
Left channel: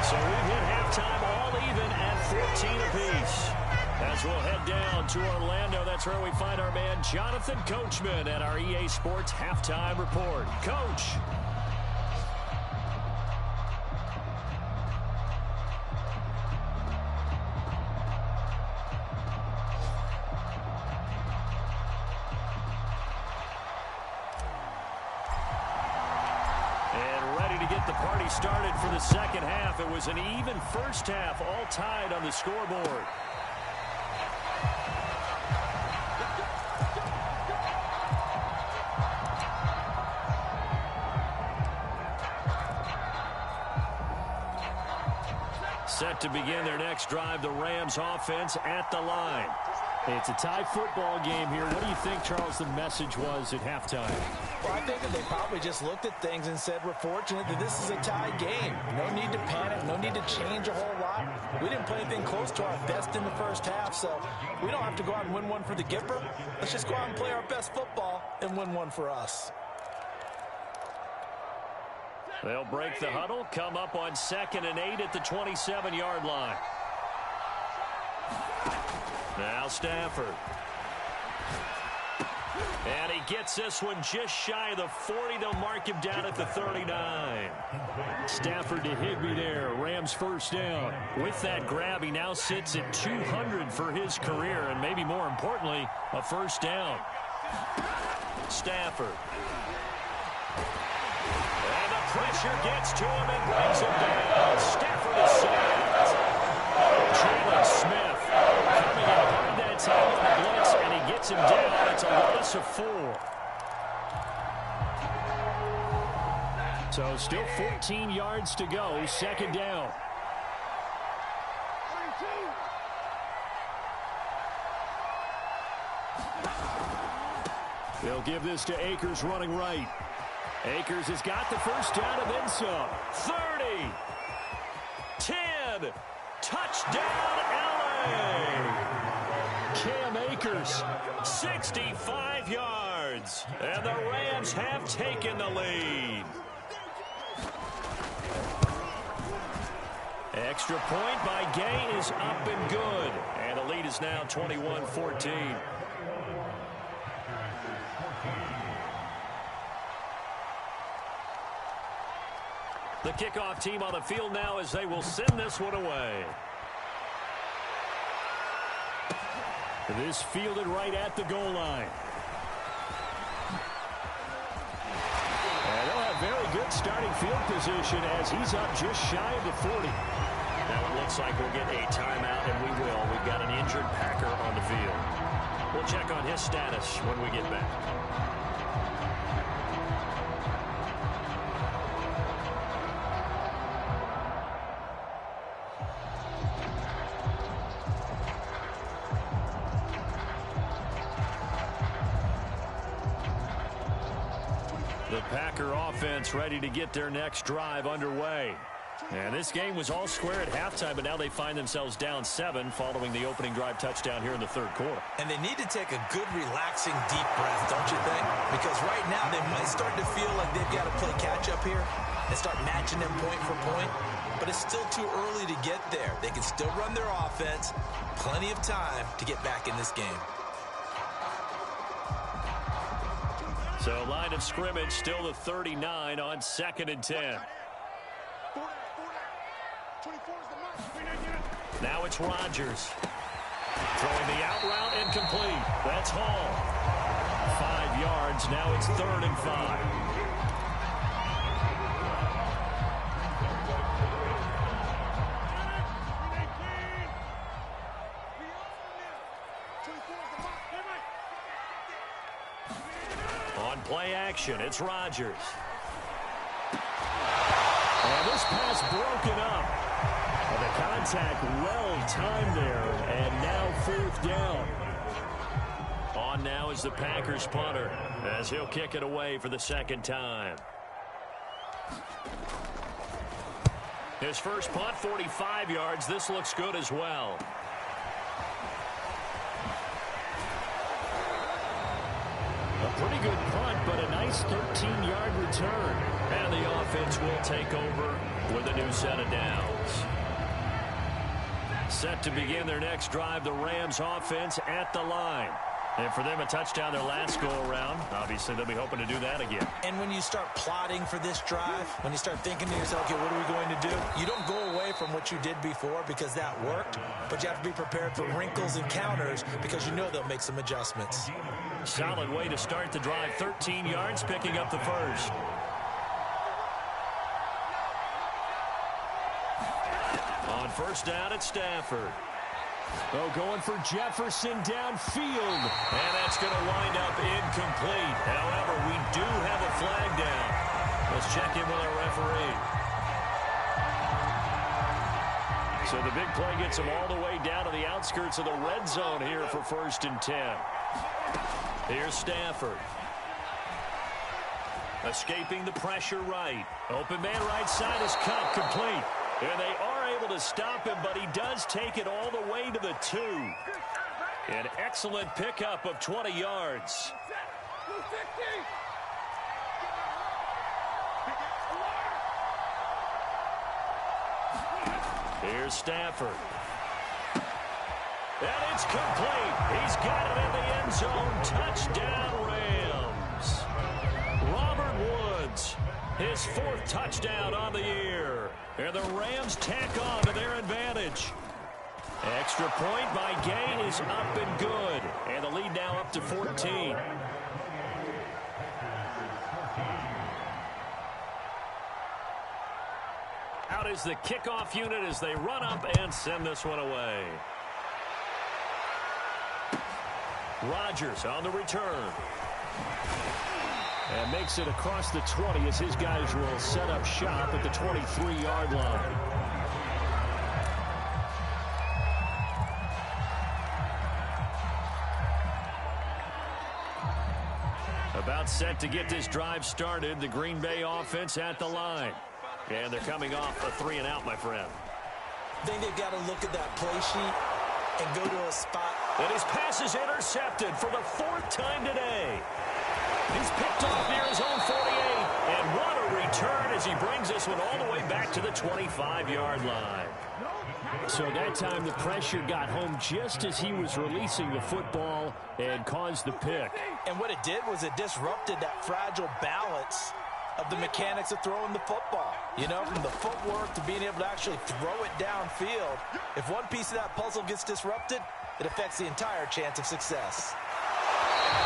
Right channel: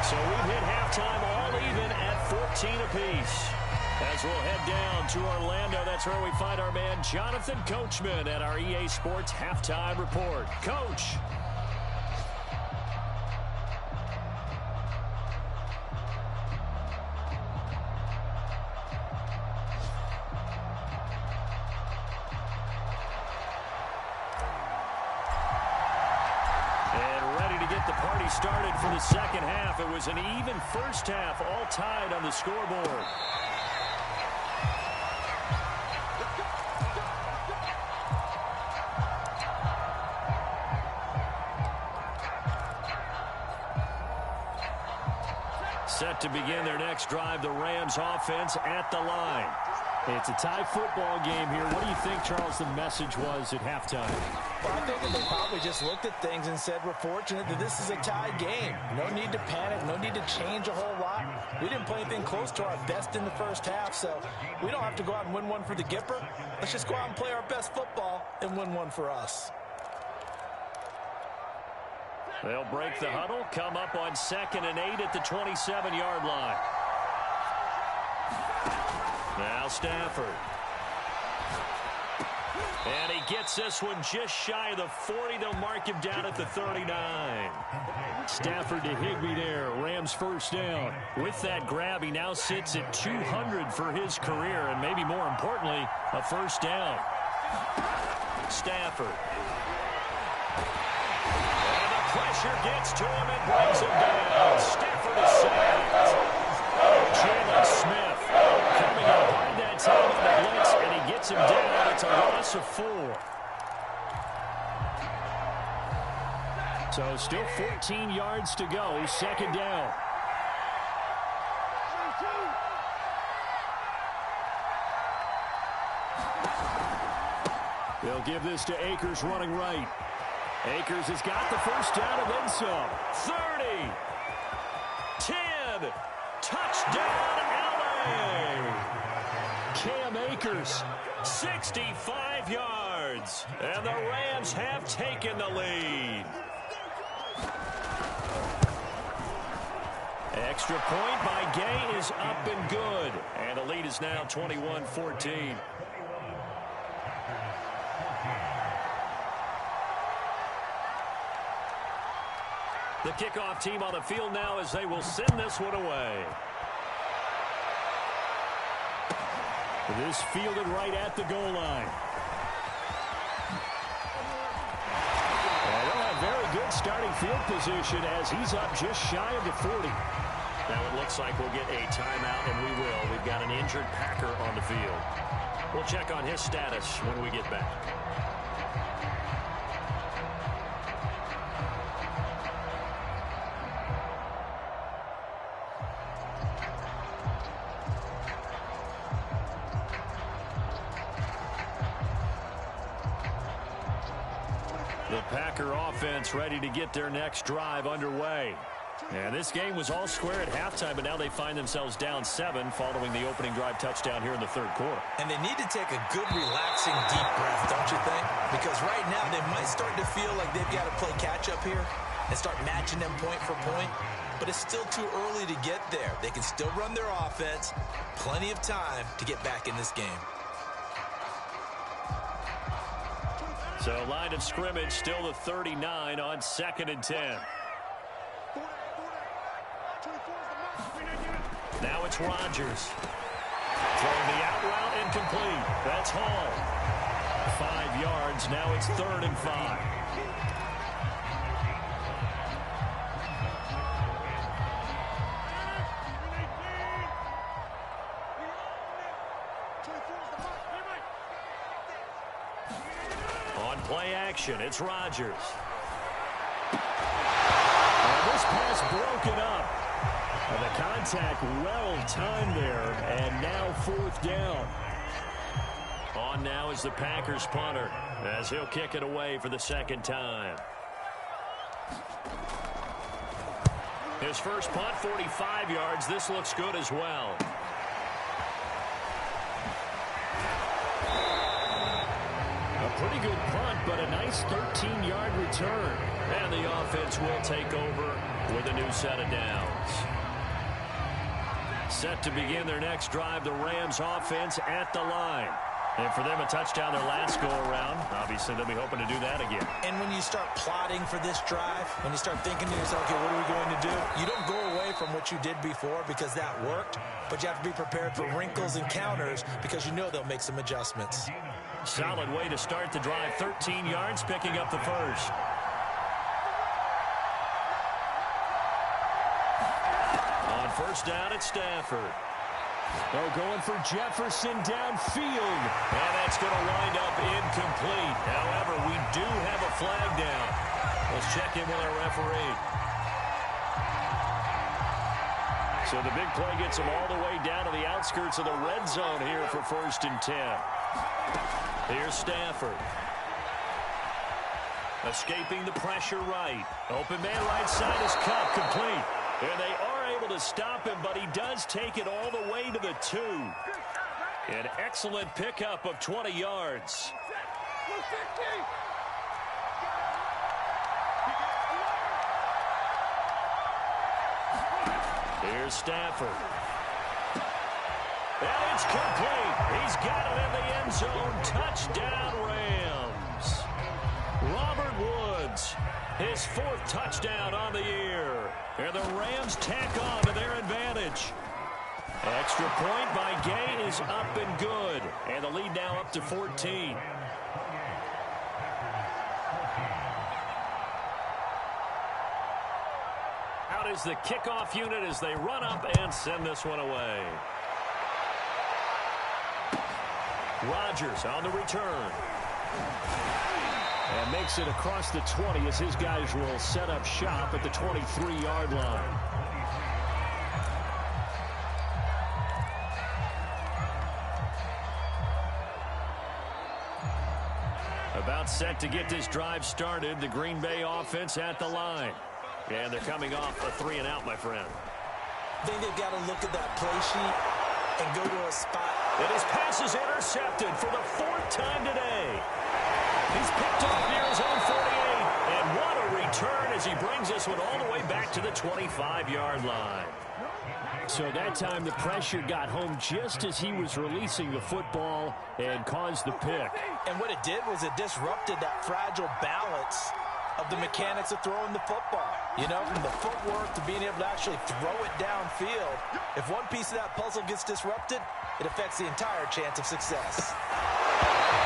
So we've hit halftime all even at 14 apiece. As we'll head down to Orlando, that's where we find our man Jonathan Coachman at our EA Sports Halftime Report. Coach. Get the party started for the second half. It was an even first half, all tied on the scoreboard. Set to begin their next drive, the Rams offense at the line. It's a tie football game here. What do you think, Charles, the message was at halftime? Well, I think that they probably just looked at things and said, we're fortunate that this is a tie game. No need to panic. No need to change a whole lot. We didn't play anything close to our best in the first half, so we don't have to go out and win one for the Gipper. Let's just go out and play our best football and win one for us. They'll break the huddle, come up on 2nd and 8 at the 27-yard line. Now Stafford. And he gets this one just shy of the 40. They'll mark him down at the 39. Stafford to Higbee there. Rams first down. With that grab, he now sits at 200 for his career, and maybe more importantly, a first down. Stafford. And the pressure gets to him and brings him down. Stafford is sacked. Jalen Smith coming in hard that time on the blitz, and he gets him down. It's a loss of 4. So still 14 yards to go, second down. They'll give this to Akers running right. Akers has got the first down and then some. 30. 10. Touchdown, L.A. Cam Akers. 65 yards. And the Rams have taken the lead. Extra point by Gay is up and good. And the lead is now 21-14. The kickoff team on the field now as they will send this one away. This fielded right at the goal line. And they'll have very good starting field position as he's up just shy of the 40. Now it looks like we'll get a timeout, and we will. We've got an injured Packer on the field. We'll check on his status when we get back. The Packer offense ready to get their next drive underway. And this game was all square at halftime, but now they find themselves down 7 following the opening drive touchdown here in the third quarter. And they need to take a good, relaxing, deep breath, don't you think? Because right now they might start to feel like they've got to play catch-up here and start matching them point for point. But it's still too early to get there. They can still run their offense. Plenty of time to get back in this game. So line of scrimmage still the 39 on 2nd and 10. Now it's Rodgers. Throwing the out route incomplete. That's Hall. 5 yards. Now it's 3rd and 5. On play action, it's Rodgers. And this pass broken up. The contact well timed there, and now 4th down. On now is the Packers punter as he'll kick it away for the 2nd time. His first punt, 45 yards. This looks good as well. A pretty good punt, but a nice 13-yard return. And the offense will take over with a new set of downs. Set to begin their next drive, the Rams offense at the line. And for them, a touchdown their last go-around. Obviously, they'll be hoping to do that again. And when you start plotting for this drive, when you start thinking to yourself, okay, what are we going to do? You don't go away from what you did before because that worked, but you have to be prepared for wrinkles and counters because you know they'll make some adjustments. Solid way to start the drive. 13 yards, picking up the first. On first down, it's Stafford. Oh, going for Jefferson downfield. And that's going to wind up incomplete. However, we do have a flag down. Let's check in with our referee. So the big play gets them all the way down to the outskirts of the red zone here for 1st and 10. Here's Stafford. Escaping the pressure right. Open man right side is Cup, complete. And they are able to stop him, but he does take it all the way to the 2. An excellent pickup of 20 yards. Here's Stafford. And it's complete. He's got it in the end zone. Touchdown, Rams. Robert Woods, his 4th touchdown on the year. And the Rams tack on to their advantage. Extra point by Gay is up and good. And the lead now up to 14. Out is the kickoff unit as they run up and send this one away. Rodgers on the return. And makes it across the 20 as his guys will set up shop at the 23-yard line. About set to get this drive started. The Green Bay offense at the line. And they're coming off a 3-and-out, my friend. I think they've got to look at that play sheet and go to a spot. And his pass is intercepted for the 4th time today. He's picked off near his own 48. And what a return as he brings this one all the way back to the 25-yard line. So that time the pressure got home just as he was releasing the football and caused the pick. And what it did was it disrupted that fragile balance of the mechanics of throwing the football. You know, from the footwork to being able to actually throw it downfield. If one piece of that puzzle gets disrupted, it affects the entire chance of success.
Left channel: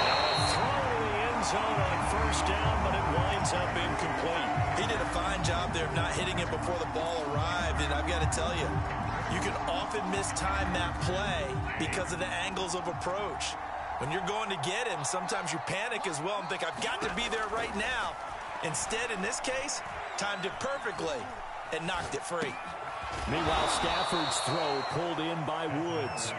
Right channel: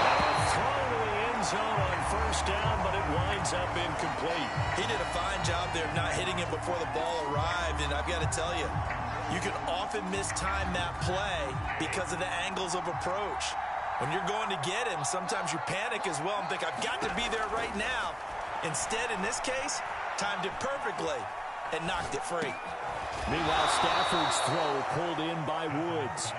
Now a throw to the end zone on first down, but it winds up incomplete. He did a fine job there of not hitting him before the ball arrived, and I've got to tell you, you can often mistime that play because of the angles of approach. When you're going to get him, sometimes you panic as well and think, I've got to be there right now. Instead, in this case, timed it perfectly and knocked it free. Meanwhile, Stafford's throw pulled in by Woods.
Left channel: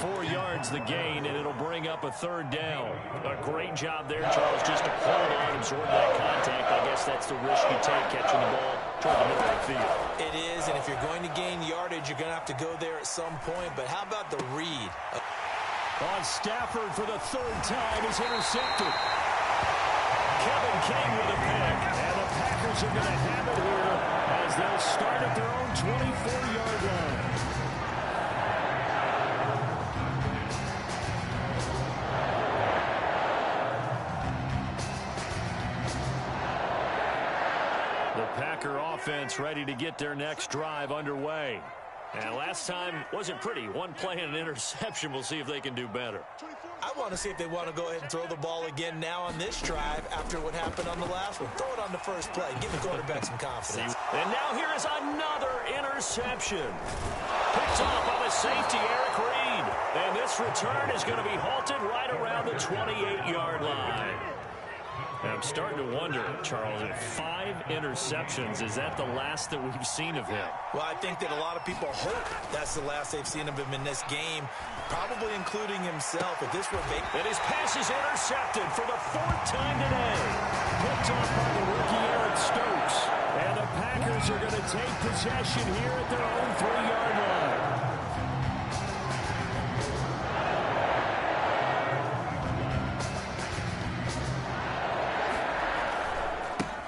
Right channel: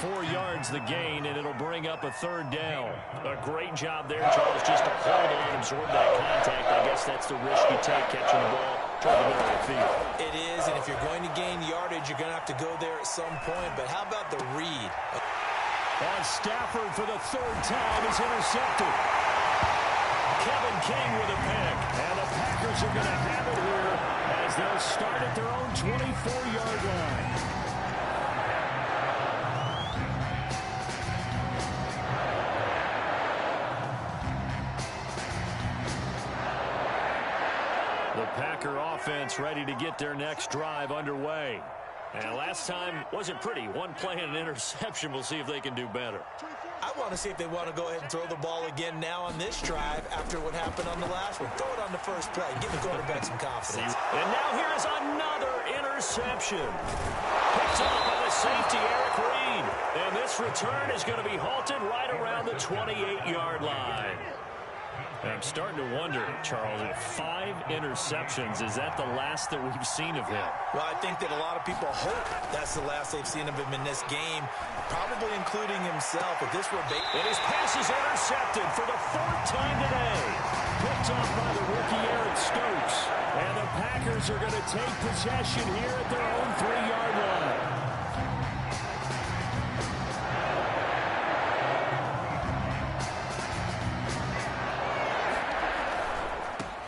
4 yards the gain, and it'll bring up a third down. A great job there, Charles, just to hold on, absorb that contact. I guess that's the risk you take catching the ball toward the middle of the field. It is, and if you're going to gain yardage, you're going to have to go there at some point. But how about the read? On Stafford for the third time is intercepted. Kevin King with a pick. And the Packers are going to have it here as they'll start at their own 24-yard line. The Packer offense ready to get their next drive underway. And last time wasn't pretty. One play and an interception. We'll see if they can do better. I want to see if they want to go ahead and throw the ball again now on this drive after what happened on the last one. Throw it on the first play. Give the quarterback some confidence. And now here is another interception. Picked off by the safety, Eric Reed. And this return is going to be halted right around the 28-yard line. And I'm starting to wonder, Charles, if 5 interceptions, is that the last that we've seen of him? Well, I think that a lot of people hope that's the last they've seen of him in this game, probably including himself. If this were and his pass is intercepted for the 4th time today. Picked off by the rookie Eric Stokes. And the Packers are going to take possession here at their own 3-yard line.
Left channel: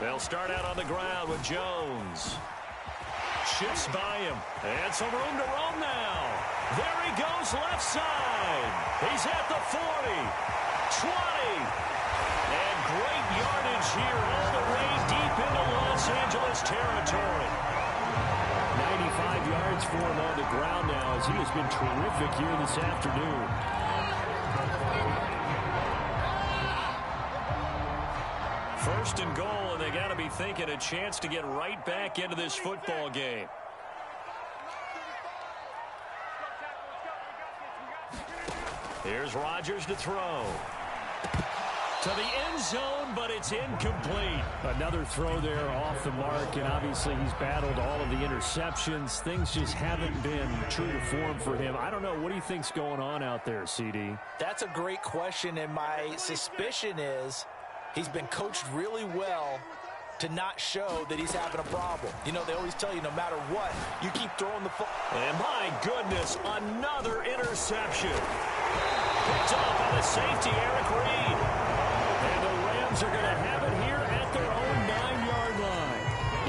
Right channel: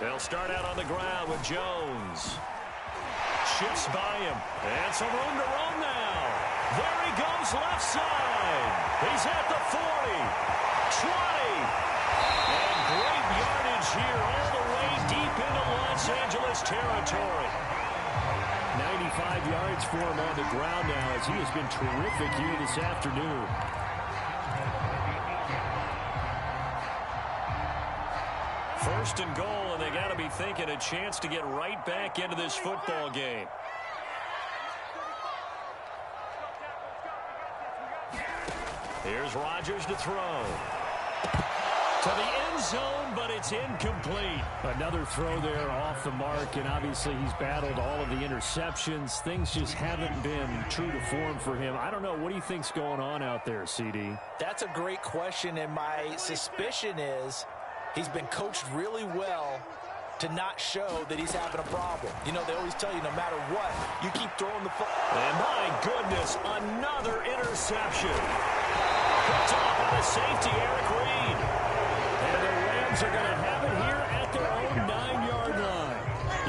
They'll start out on the ground with Jones. Shifts by him. And some room to roam now. There he goes left side. He's at the 40. 20. And great yardage here all the way deep into Los Angeles territory. 95 yards for him on the ground now as he has been terrific here this afternoon. First and goal, and they got to be thinking a chance to get right back into this football game. Here's Rodgers to throw. To the end zone, but it's incomplete. Another throw there off the mark, and obviously he's battled all of the interceptions. Things just haven't been true to form for him. I don't know. What do you think's going on out there, CD? That's a great question, and my suspicion is he's been coached really well to not show that he's having a problem. You know, they always tell you no matter what, you keep throwing the football. And my goodness, another interception. Picked off by the safety, Eric Reed. And the Rams are going to have it here at their own 9-yard line.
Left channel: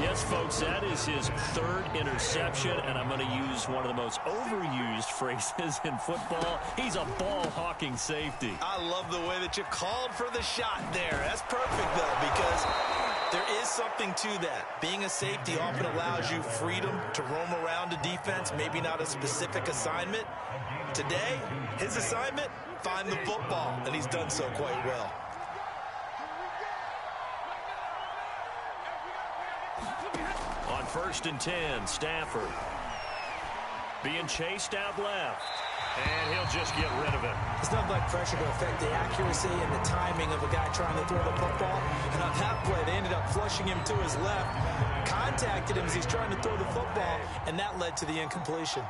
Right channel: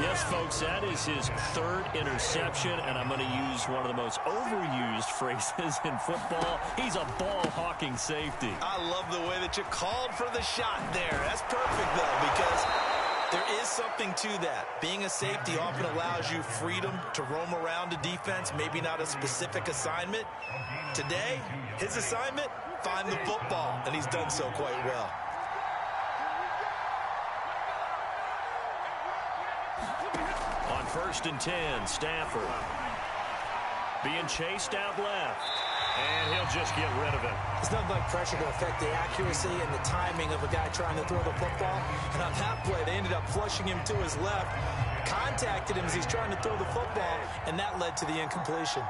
Yes, folks, that is his 3rd interception, and I'm going to use one of the most overused phrases in football. He's a ball-hawking safety. I love the way that you called for the shot there. That's perfect, though, because there is something to that. Being a safety often allows you freedom to roam around a defense, maybe not a specific assignment. Today, his assignment, find the football, and he's done so quite well. On 1st and 10, Stafford being chased out left, and he'll just get rid of it. It's nothing like pressure to affect the accuracy and the timing of a guy trying to throw the football. And on that play, they ended up flushing him to his left, contacted him as he's trying to throw the football, and that led to the incompletion.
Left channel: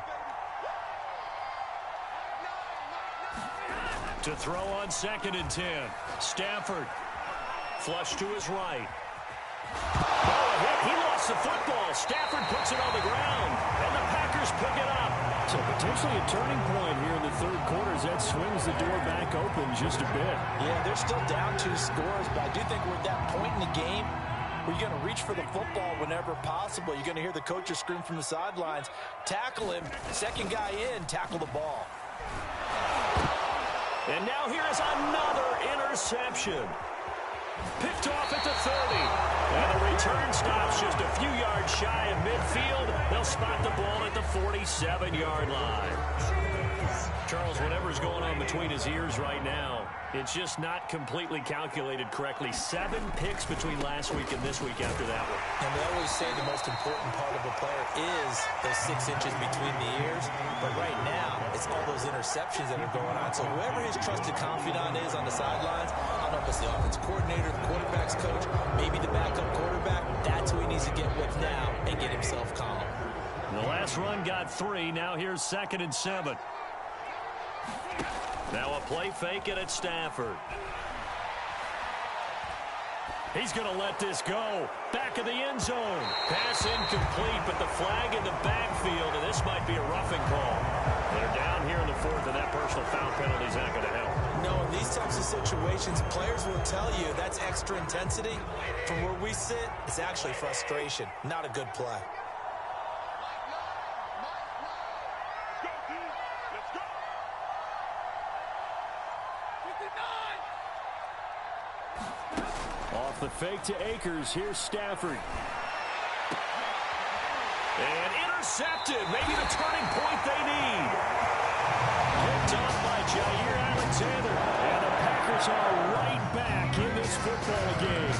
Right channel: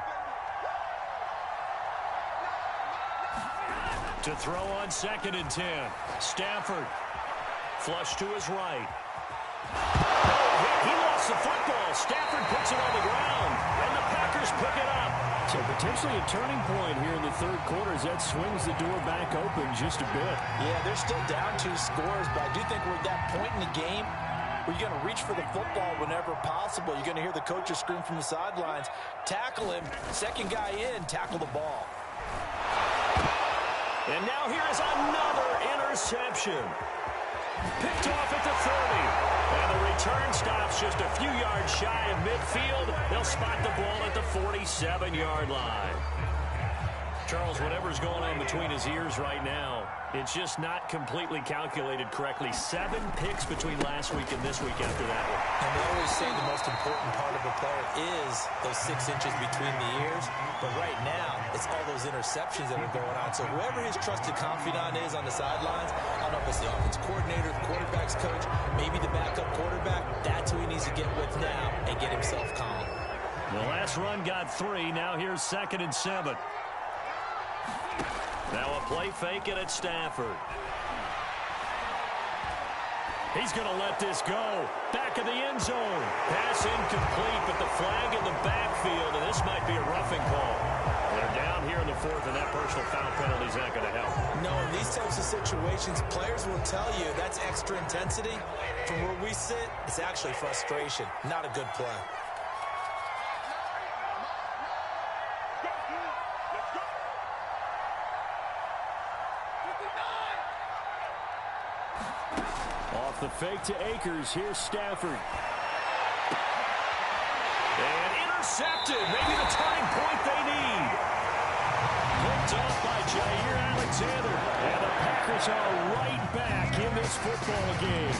To throw on 2nd and 10, Stafford flush to his right. He lost the football. Stafford puts it on the ground, and the Packers pick it up. So potentially a turning point here in the 3rd quarter as that swings the door back open just a bit. Yeah, they're still down 2 scores, but I do think we're at that point in the game where you're going to reach for the football whenever possible. You're going to hear the coaches scream from the sidelines, tackle him, second guy in, tackle the ball. And now here is another interception. Picked off at the 30. And the return stops just a few yards shy of midfield. They'll spot the ball at the 47-yard line. Charles, whatever's going on between his ears right now, it's just not completely calculated correctly. 7 picks between last week and this week after that one. And they always say the most important part of a player is those 6 inches between the ears. But right now, it's all those interceptions that are going on. So whoever his trusted confidant is on the sidelines, I don't know if it's the offense coordinator, the quarterback's coach, maybe the backup quarterback, that's who he needs to get with now and get himself calm. The last run got 3. Now here's 2nd and 7. Now a play fake and it's Stafford. He's going to let this go. Back of the end zone. Pass incomplete, but the flag in the backfield, and this might be a roughing call. They're down here in the 4th, and that personal foul penalty is not going to help. No, in these types of situations, players will tell you that's extra intensity. From where we sit, it's actually frustration, not a good play. Off the fake to Akers. Here's Stafford. And intercepted. Maybe the turning point they need. Picked off by Jair Alexander. And the Packers are right back in this football game.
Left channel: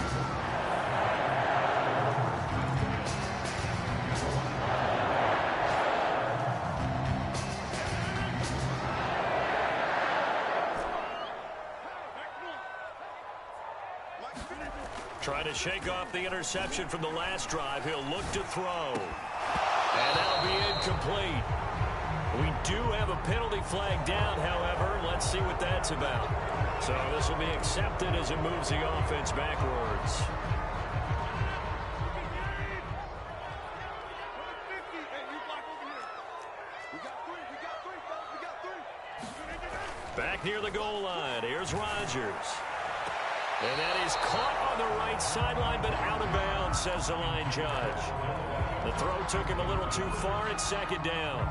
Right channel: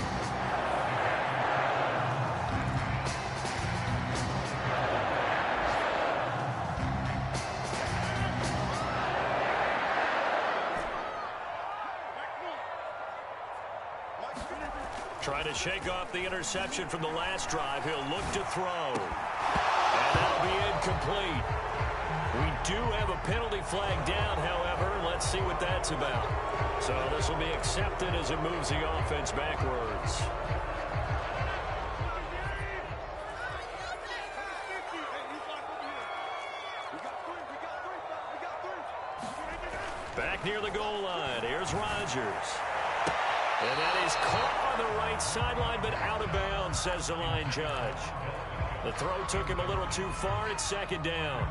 Trying to shake off the interception from the last drive. He'll look to throw. And that'll be incomplete. We do have a penalty flag down, however. Let's see what that's about. So this will be accepted as it moves the offense backwards. Back near the goal line. Here's Rodgers. And that is caught on the right sideline, but out of bounds, says the line judge. The throw took him a little too far. It's 2nd down.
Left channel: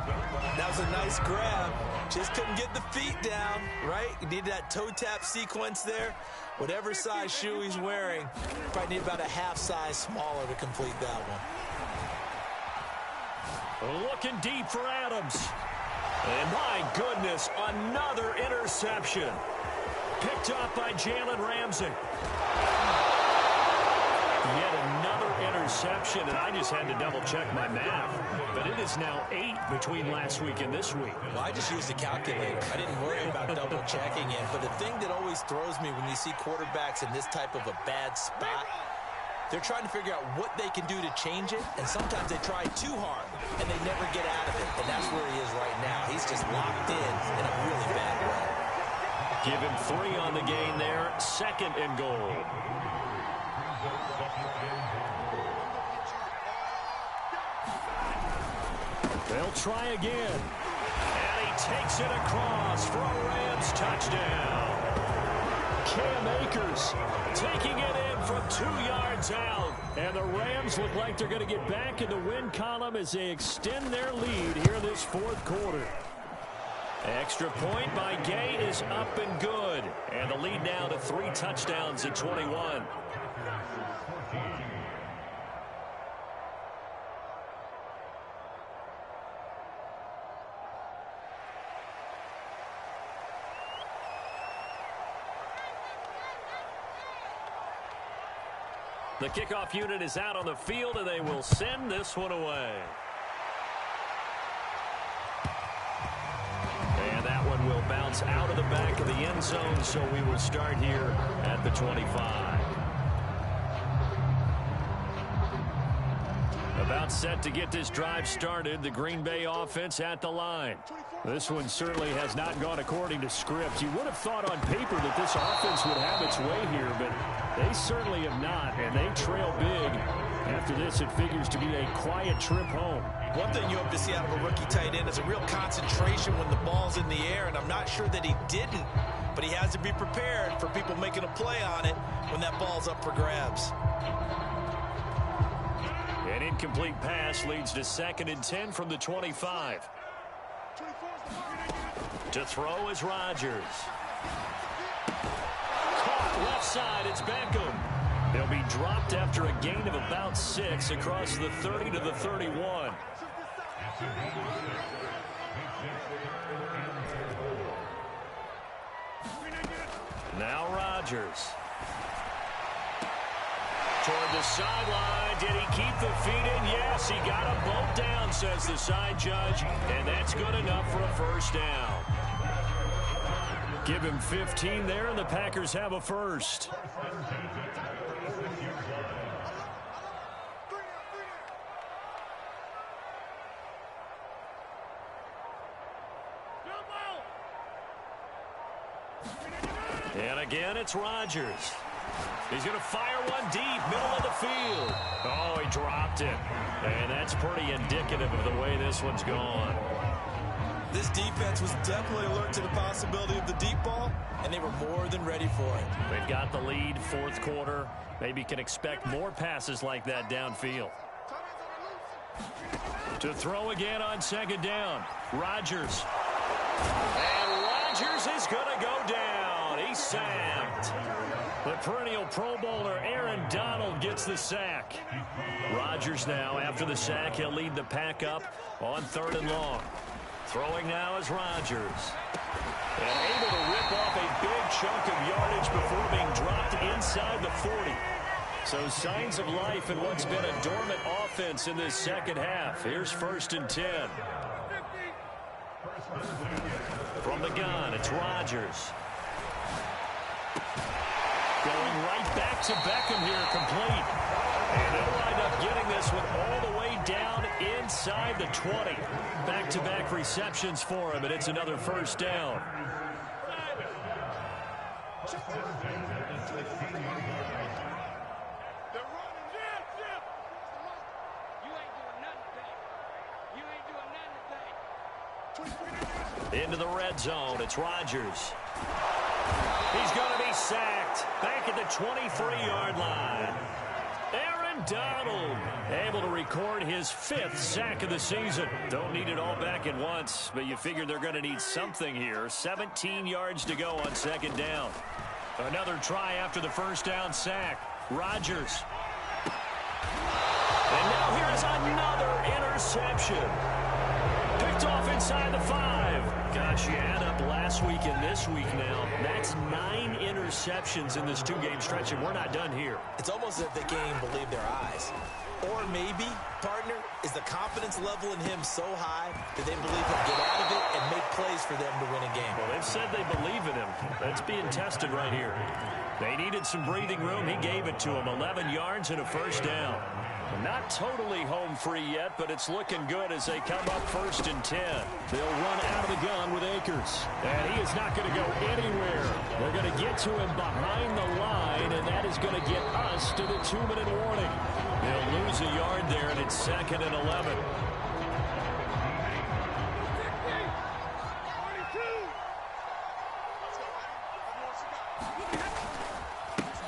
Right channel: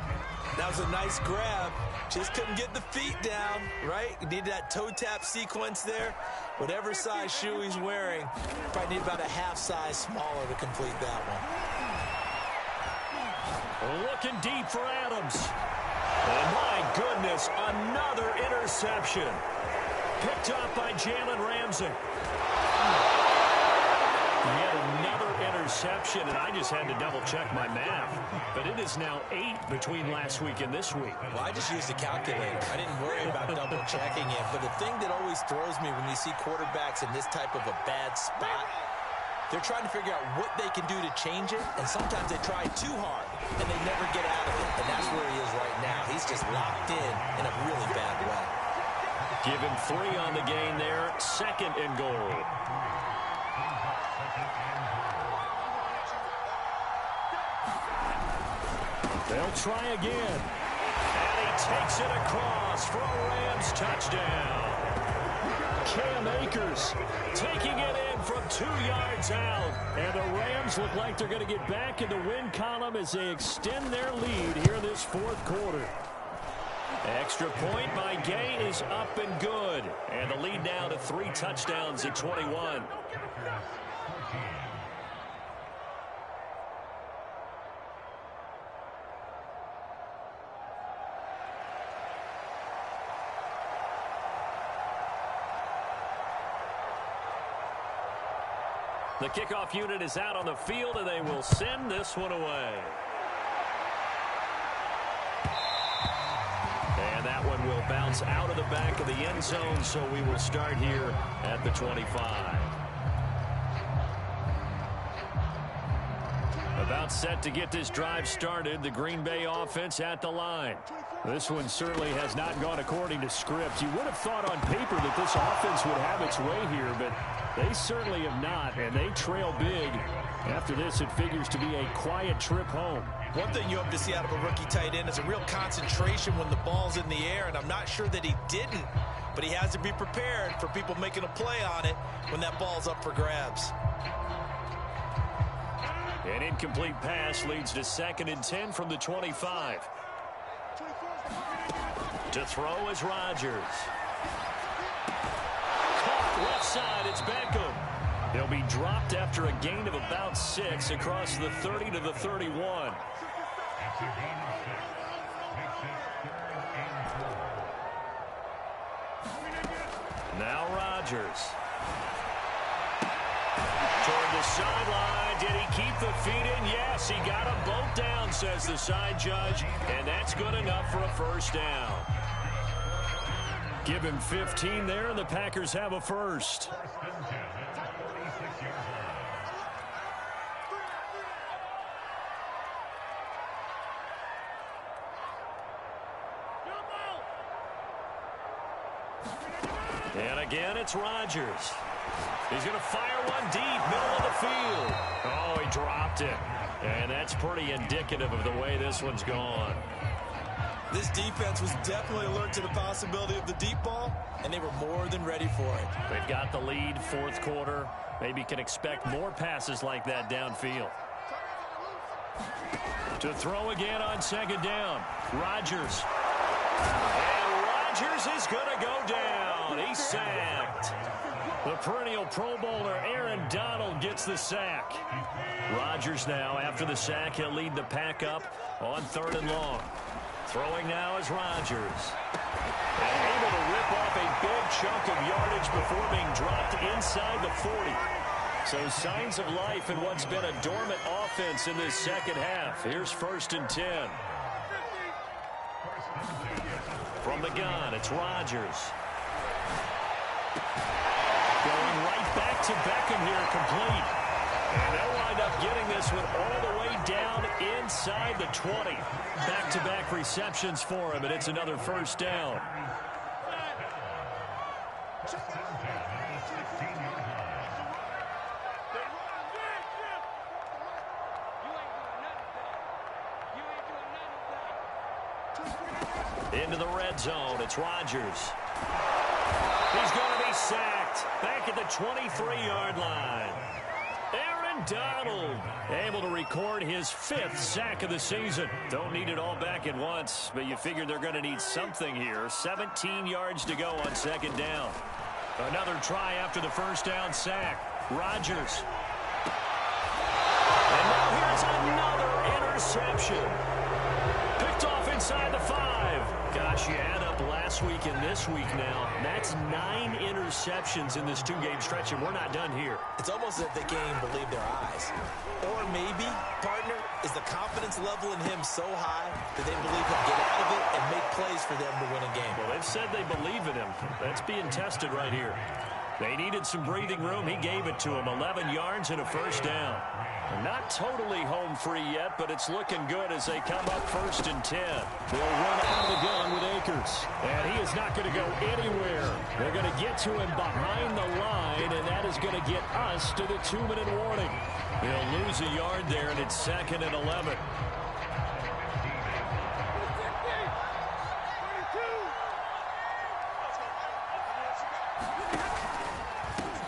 That was a nice grab. Just couldn't get the feet down, right? He needed that toe tap sequence there. Whatever size shoe he's wearing, probably need about a half size smaller to complete that one. Looking deep for Adams. And my goodness, another interception. Picked up by Jalen Ramsey. Yet another interception, and I just had to double-check my math. But it is now 8 between last week and this week. Well, I just used a calculator. I didn't worry about double-checking it. But the thing that always throws me when you see quarterbacks in this type of a bad spot, they're trying to figure out what they can do to change it, and sometimes they try too hard, and they never get out of it. And that's where he is right now. He's just locked in a really bad way. Give him 3 on the gain there. 2nd and goal. They'll try again. And he takes it across for a Rams touchdown. Cam Akers taking it in from 2 yards out. And the Rams look like they're going to get back in the win column as they extend their lead here in this 4th quarter. Extra point by Gay is up and good. And the lead now to 3 touchdowns at 21. The kickoff unit is out on the field, and they will send this one away. And that one will bounce out of the back of the end zone, so we will start here at the 25. About set to get this drive started, the Green Bay offense at the line. This one certainly has not gone according to script. You would have thought on paper that this offense would have its way here, but they certainly have not, and they trail big. After this, it figures to be a quiet trip home. One thing you hope to see out of a rookie tight end is a real concentration when the ball's in the air, and I'm not sure that he didn't, but he has to be prepared for people making a play on it when that ball's up for grabs. An incomplete pass leads to 2nd and 10 from the 25. To throw is Rodgers. Caught left side, it's Beckham. He'll be dropped after a gain of about 6 across the 30 to the 31. Now Rodgers. Toward the sideline. Did he keep the feet in? Yes, he got them both down, says the side judge. And that's good enough for a first down. Give him 15 there, and the Packers have a first. And again, it's Rodgers. He's going to fire one deep, middle of the field. Oh, he dropped it. And that's pretty indicative of the way this one's gone. This defense was definitely alert to the possibility of the deep ball, and they were more than ready for it. They've got the lead, 4th quarter. Maybe can expect more passes like that downfield. To throw again on 2nd down. Rodgers. And Rodgers is going to go down. He's sacked. The perennial Pro Bowler Aaron Donald gets the sack. Rodgers now, after the sack, he'll lead the pack up on 3rd and long. Throwing now is Rodgers. And able to rip off a big chunk of yardage before being dropped inside the 40. So signs of life in what's been a dormant offense in this second half. Here's 1st and 10. From the gun, it's Rodgers. Going right back to Beckham here, complete. And they'll wind up getting this one all the way down inside the 20. Back-to-back receptions for him, and it's another first down. Into the red zone, it's Rodgers. He's going to be sacked back at the 23-yard line. Aaron Donald able to record his 5th sack of the season. Don't need it all back at once, but you figure they're going to need something here. 17 yards to go on 2nd down. Another try after the first down sack. Rodgers. And now here's another interception. Picked off inside the 5. Gosh, you add up last week and this week now. That's 9 interceptions in this 2-game stretch, and we're not done here. It's almost as if they can't even believe their eyes. Or maybe, partner, is the confidence level in him so high that they believe he'll get out of it and make plays for them to win a game. Well, they've said they believe in him. That's being tested right here. They needed some breathing room. He gave it to them. 11 yards and a first down. Not totally home free yet, but it's looking good as they come up 1st and 10. They'll run out of the gun with Akers. And he is not going to go anywhere. They're going to get to him behind the line, and that is going to get us to the 2-minute warning. They'll lose a yard there, and it's 2nd and 11.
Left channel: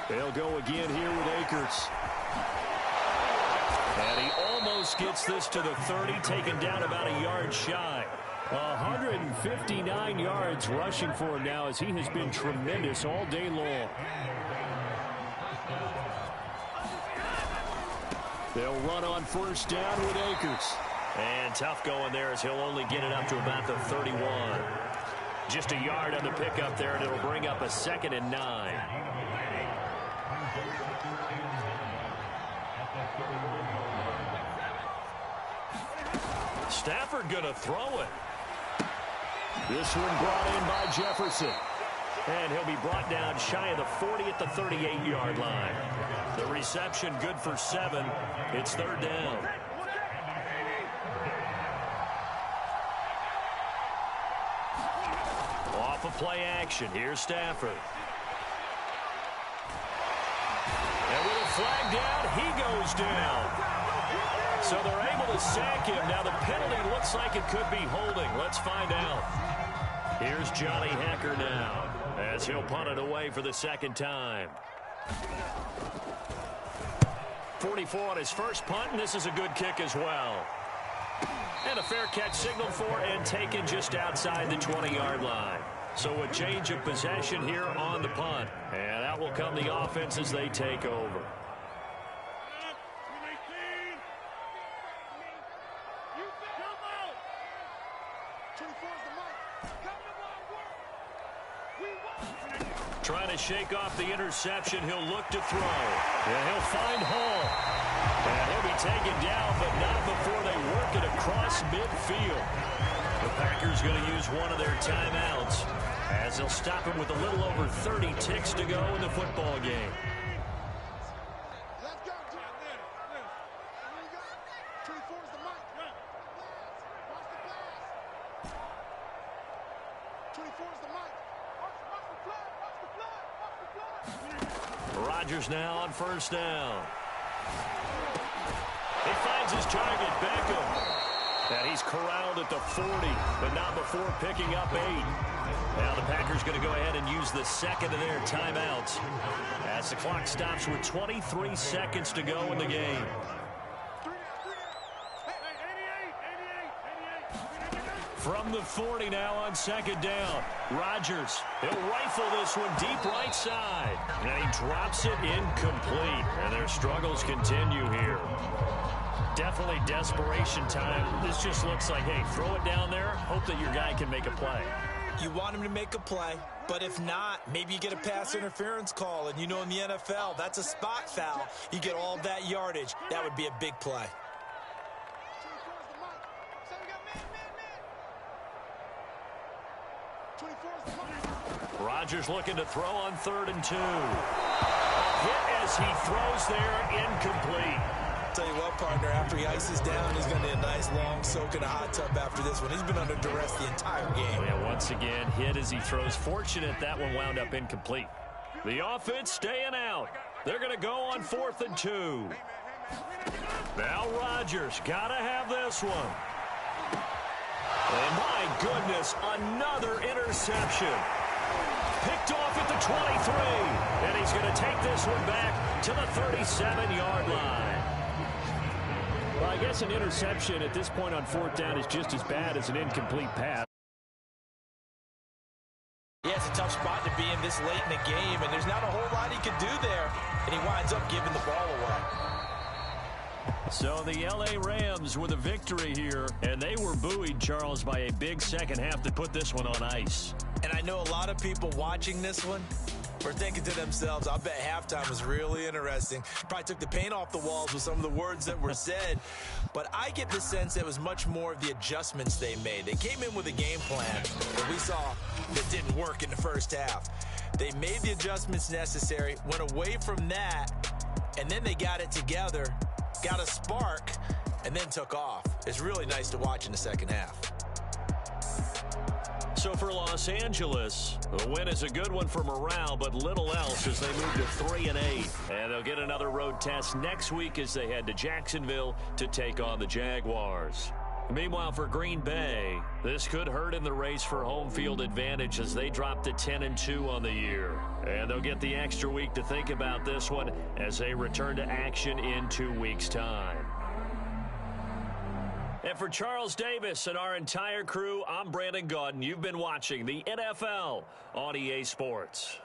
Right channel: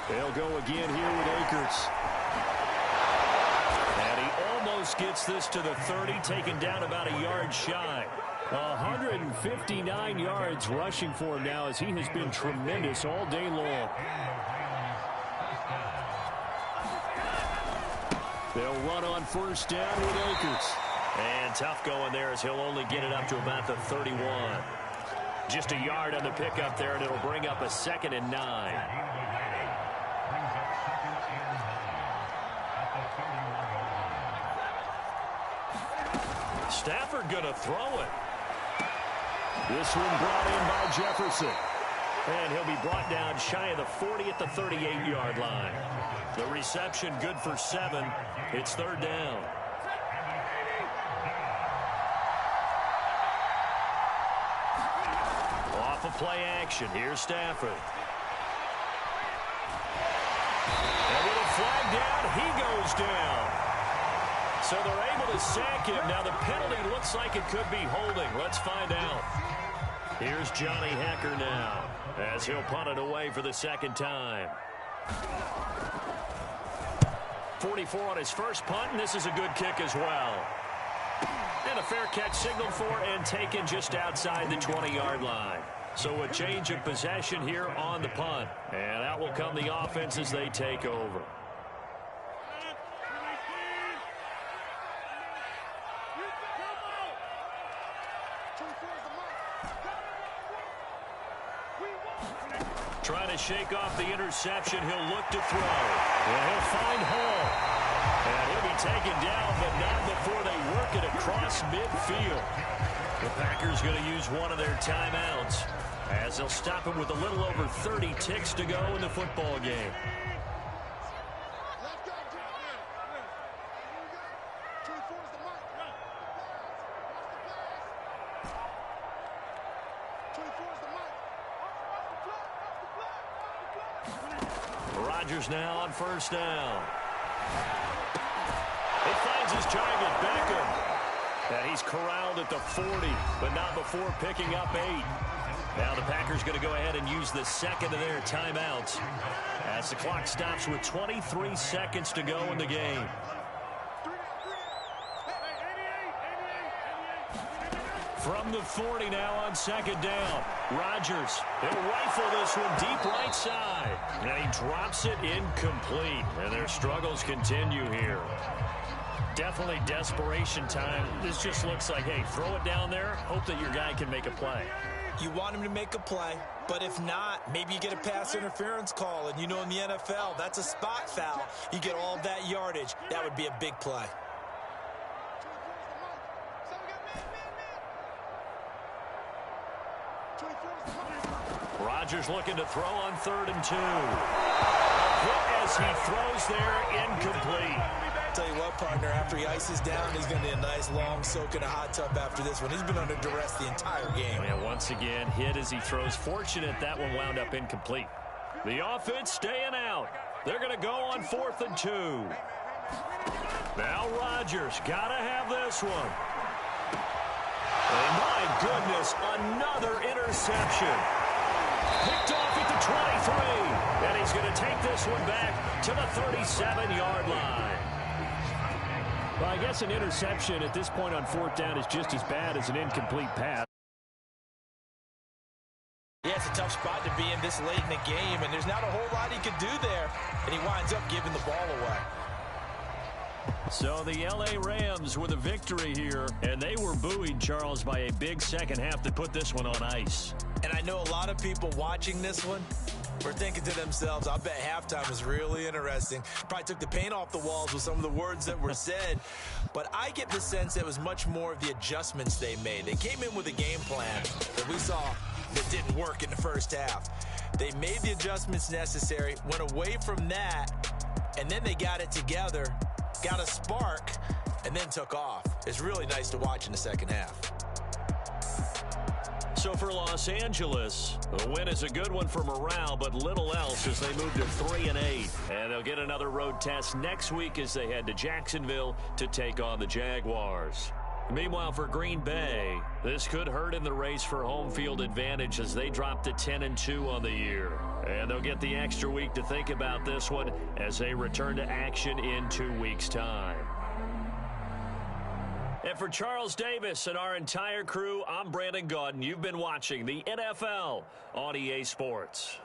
They'll go again here with Akers. And he almost gets this to the 30, taken down about a yard shy. 159 yards rushing for him now as he has been tremendous all day long. They'll run on 1st down with Akers. And tough going there as he'll only get it up to about the 31. Just a yard on the pickup there, and it'll bring up a 2nd and 9. Stafford going to throw it. This one brought in by Jefferson. And he'll be brought down shy of the 40 at the 38-yard line. The reception good for 7. It's 3rd down. Off of play action. Here's Stafford. And with a flag down, he goes down. So they're able to sack him. Now the penalty looks like it could be holding. Let's find out. Here's Johnny Hecker now as he'll punt it away for the 2nd time. 44 on his first punt, and this is a good kick as well. And a fair catch signaled for and taken just outside the 20-yard line. So a change of possession here on the punt. And out will come the offense as they take over. Trying to shake off the interception. He'll look to throw. And he'll find Hall. And he'll be taken down, but not before they work it across midfield. The Packers going to use one of their timeouts as they'll stop him with a little over 30 ticks to go in the football game. Rodgers now on first down. He finds his target, Beckham. And he's corralled at the 40, but not before picking up 8. Now the Packers going to go ahead and use the second of their timeouts as the clock stops with 23 seconds to go in the game. From the 40 now on second down. Rodgers, he'll rifle this one deep right side. And he drops it incomplete. And their struggles continue here. Definitely desperation time. This just looks like, hey, throw it down there. Hope that your guy can make a play. You want him to make a play, but if not, maybe you get a pass interference call. And you know in the NFL, that's a spot foul. You get all that yardage. That would be a big play. Rodgers looking to throw on 3rd and 2. A hit as he throws there, incomplete. Tell you what, partner, after he ices down, he's going to need a nice long soak in a hot tub after this one. He's been under duress the entire game. And once again, hit as he throws. Fortunate that one wound up incomplete. The offense staying out. They're going to go on 4th and 2. Now Rodgers got to have this one. And my goodness, another interception. Picked off at the 23. And he's going to take this one back to the 37-yard line. Well, I guess an interception at this point on 4th down is just as bad as an incomplete pass. Yeah, it's a tough spot to be in this late in the game, and there's not a whole lot he could do there. And he winds up giving the ball away. So the L.A. Rams with a victory here, and they were buoyed, Charles, by a big second half that put this one on ice. And I know a lot of people watching this one were thinking to themselves, I bet halftime was really interesting. Probably took the paint off the walls with some of the words that were said. But I get the sense that it was much more of the adjustments they made. They came in with a game plan that we saw that didn't work in the first half. They made the adjustments necessary, went away from that, and then they got it together, got a spark, and then took off. It's really nice to watch in the second half. So for Los Angeles, the win is a good one for morale, but little else as they move to 3-8. And they'll get another road test next week as they head to Jacksonville to take on the Jaguars. Meanwhile, for Green Bay, this could hurt in the race for home field advantage as they drop to 10-2 on the year. And they'll get the extra week to think about this one as they return to action in 2 weeks' time. And for Charles Davis and our entire crew, I'm Brandon Gaudin. You've been watching the NFL on EA Sports.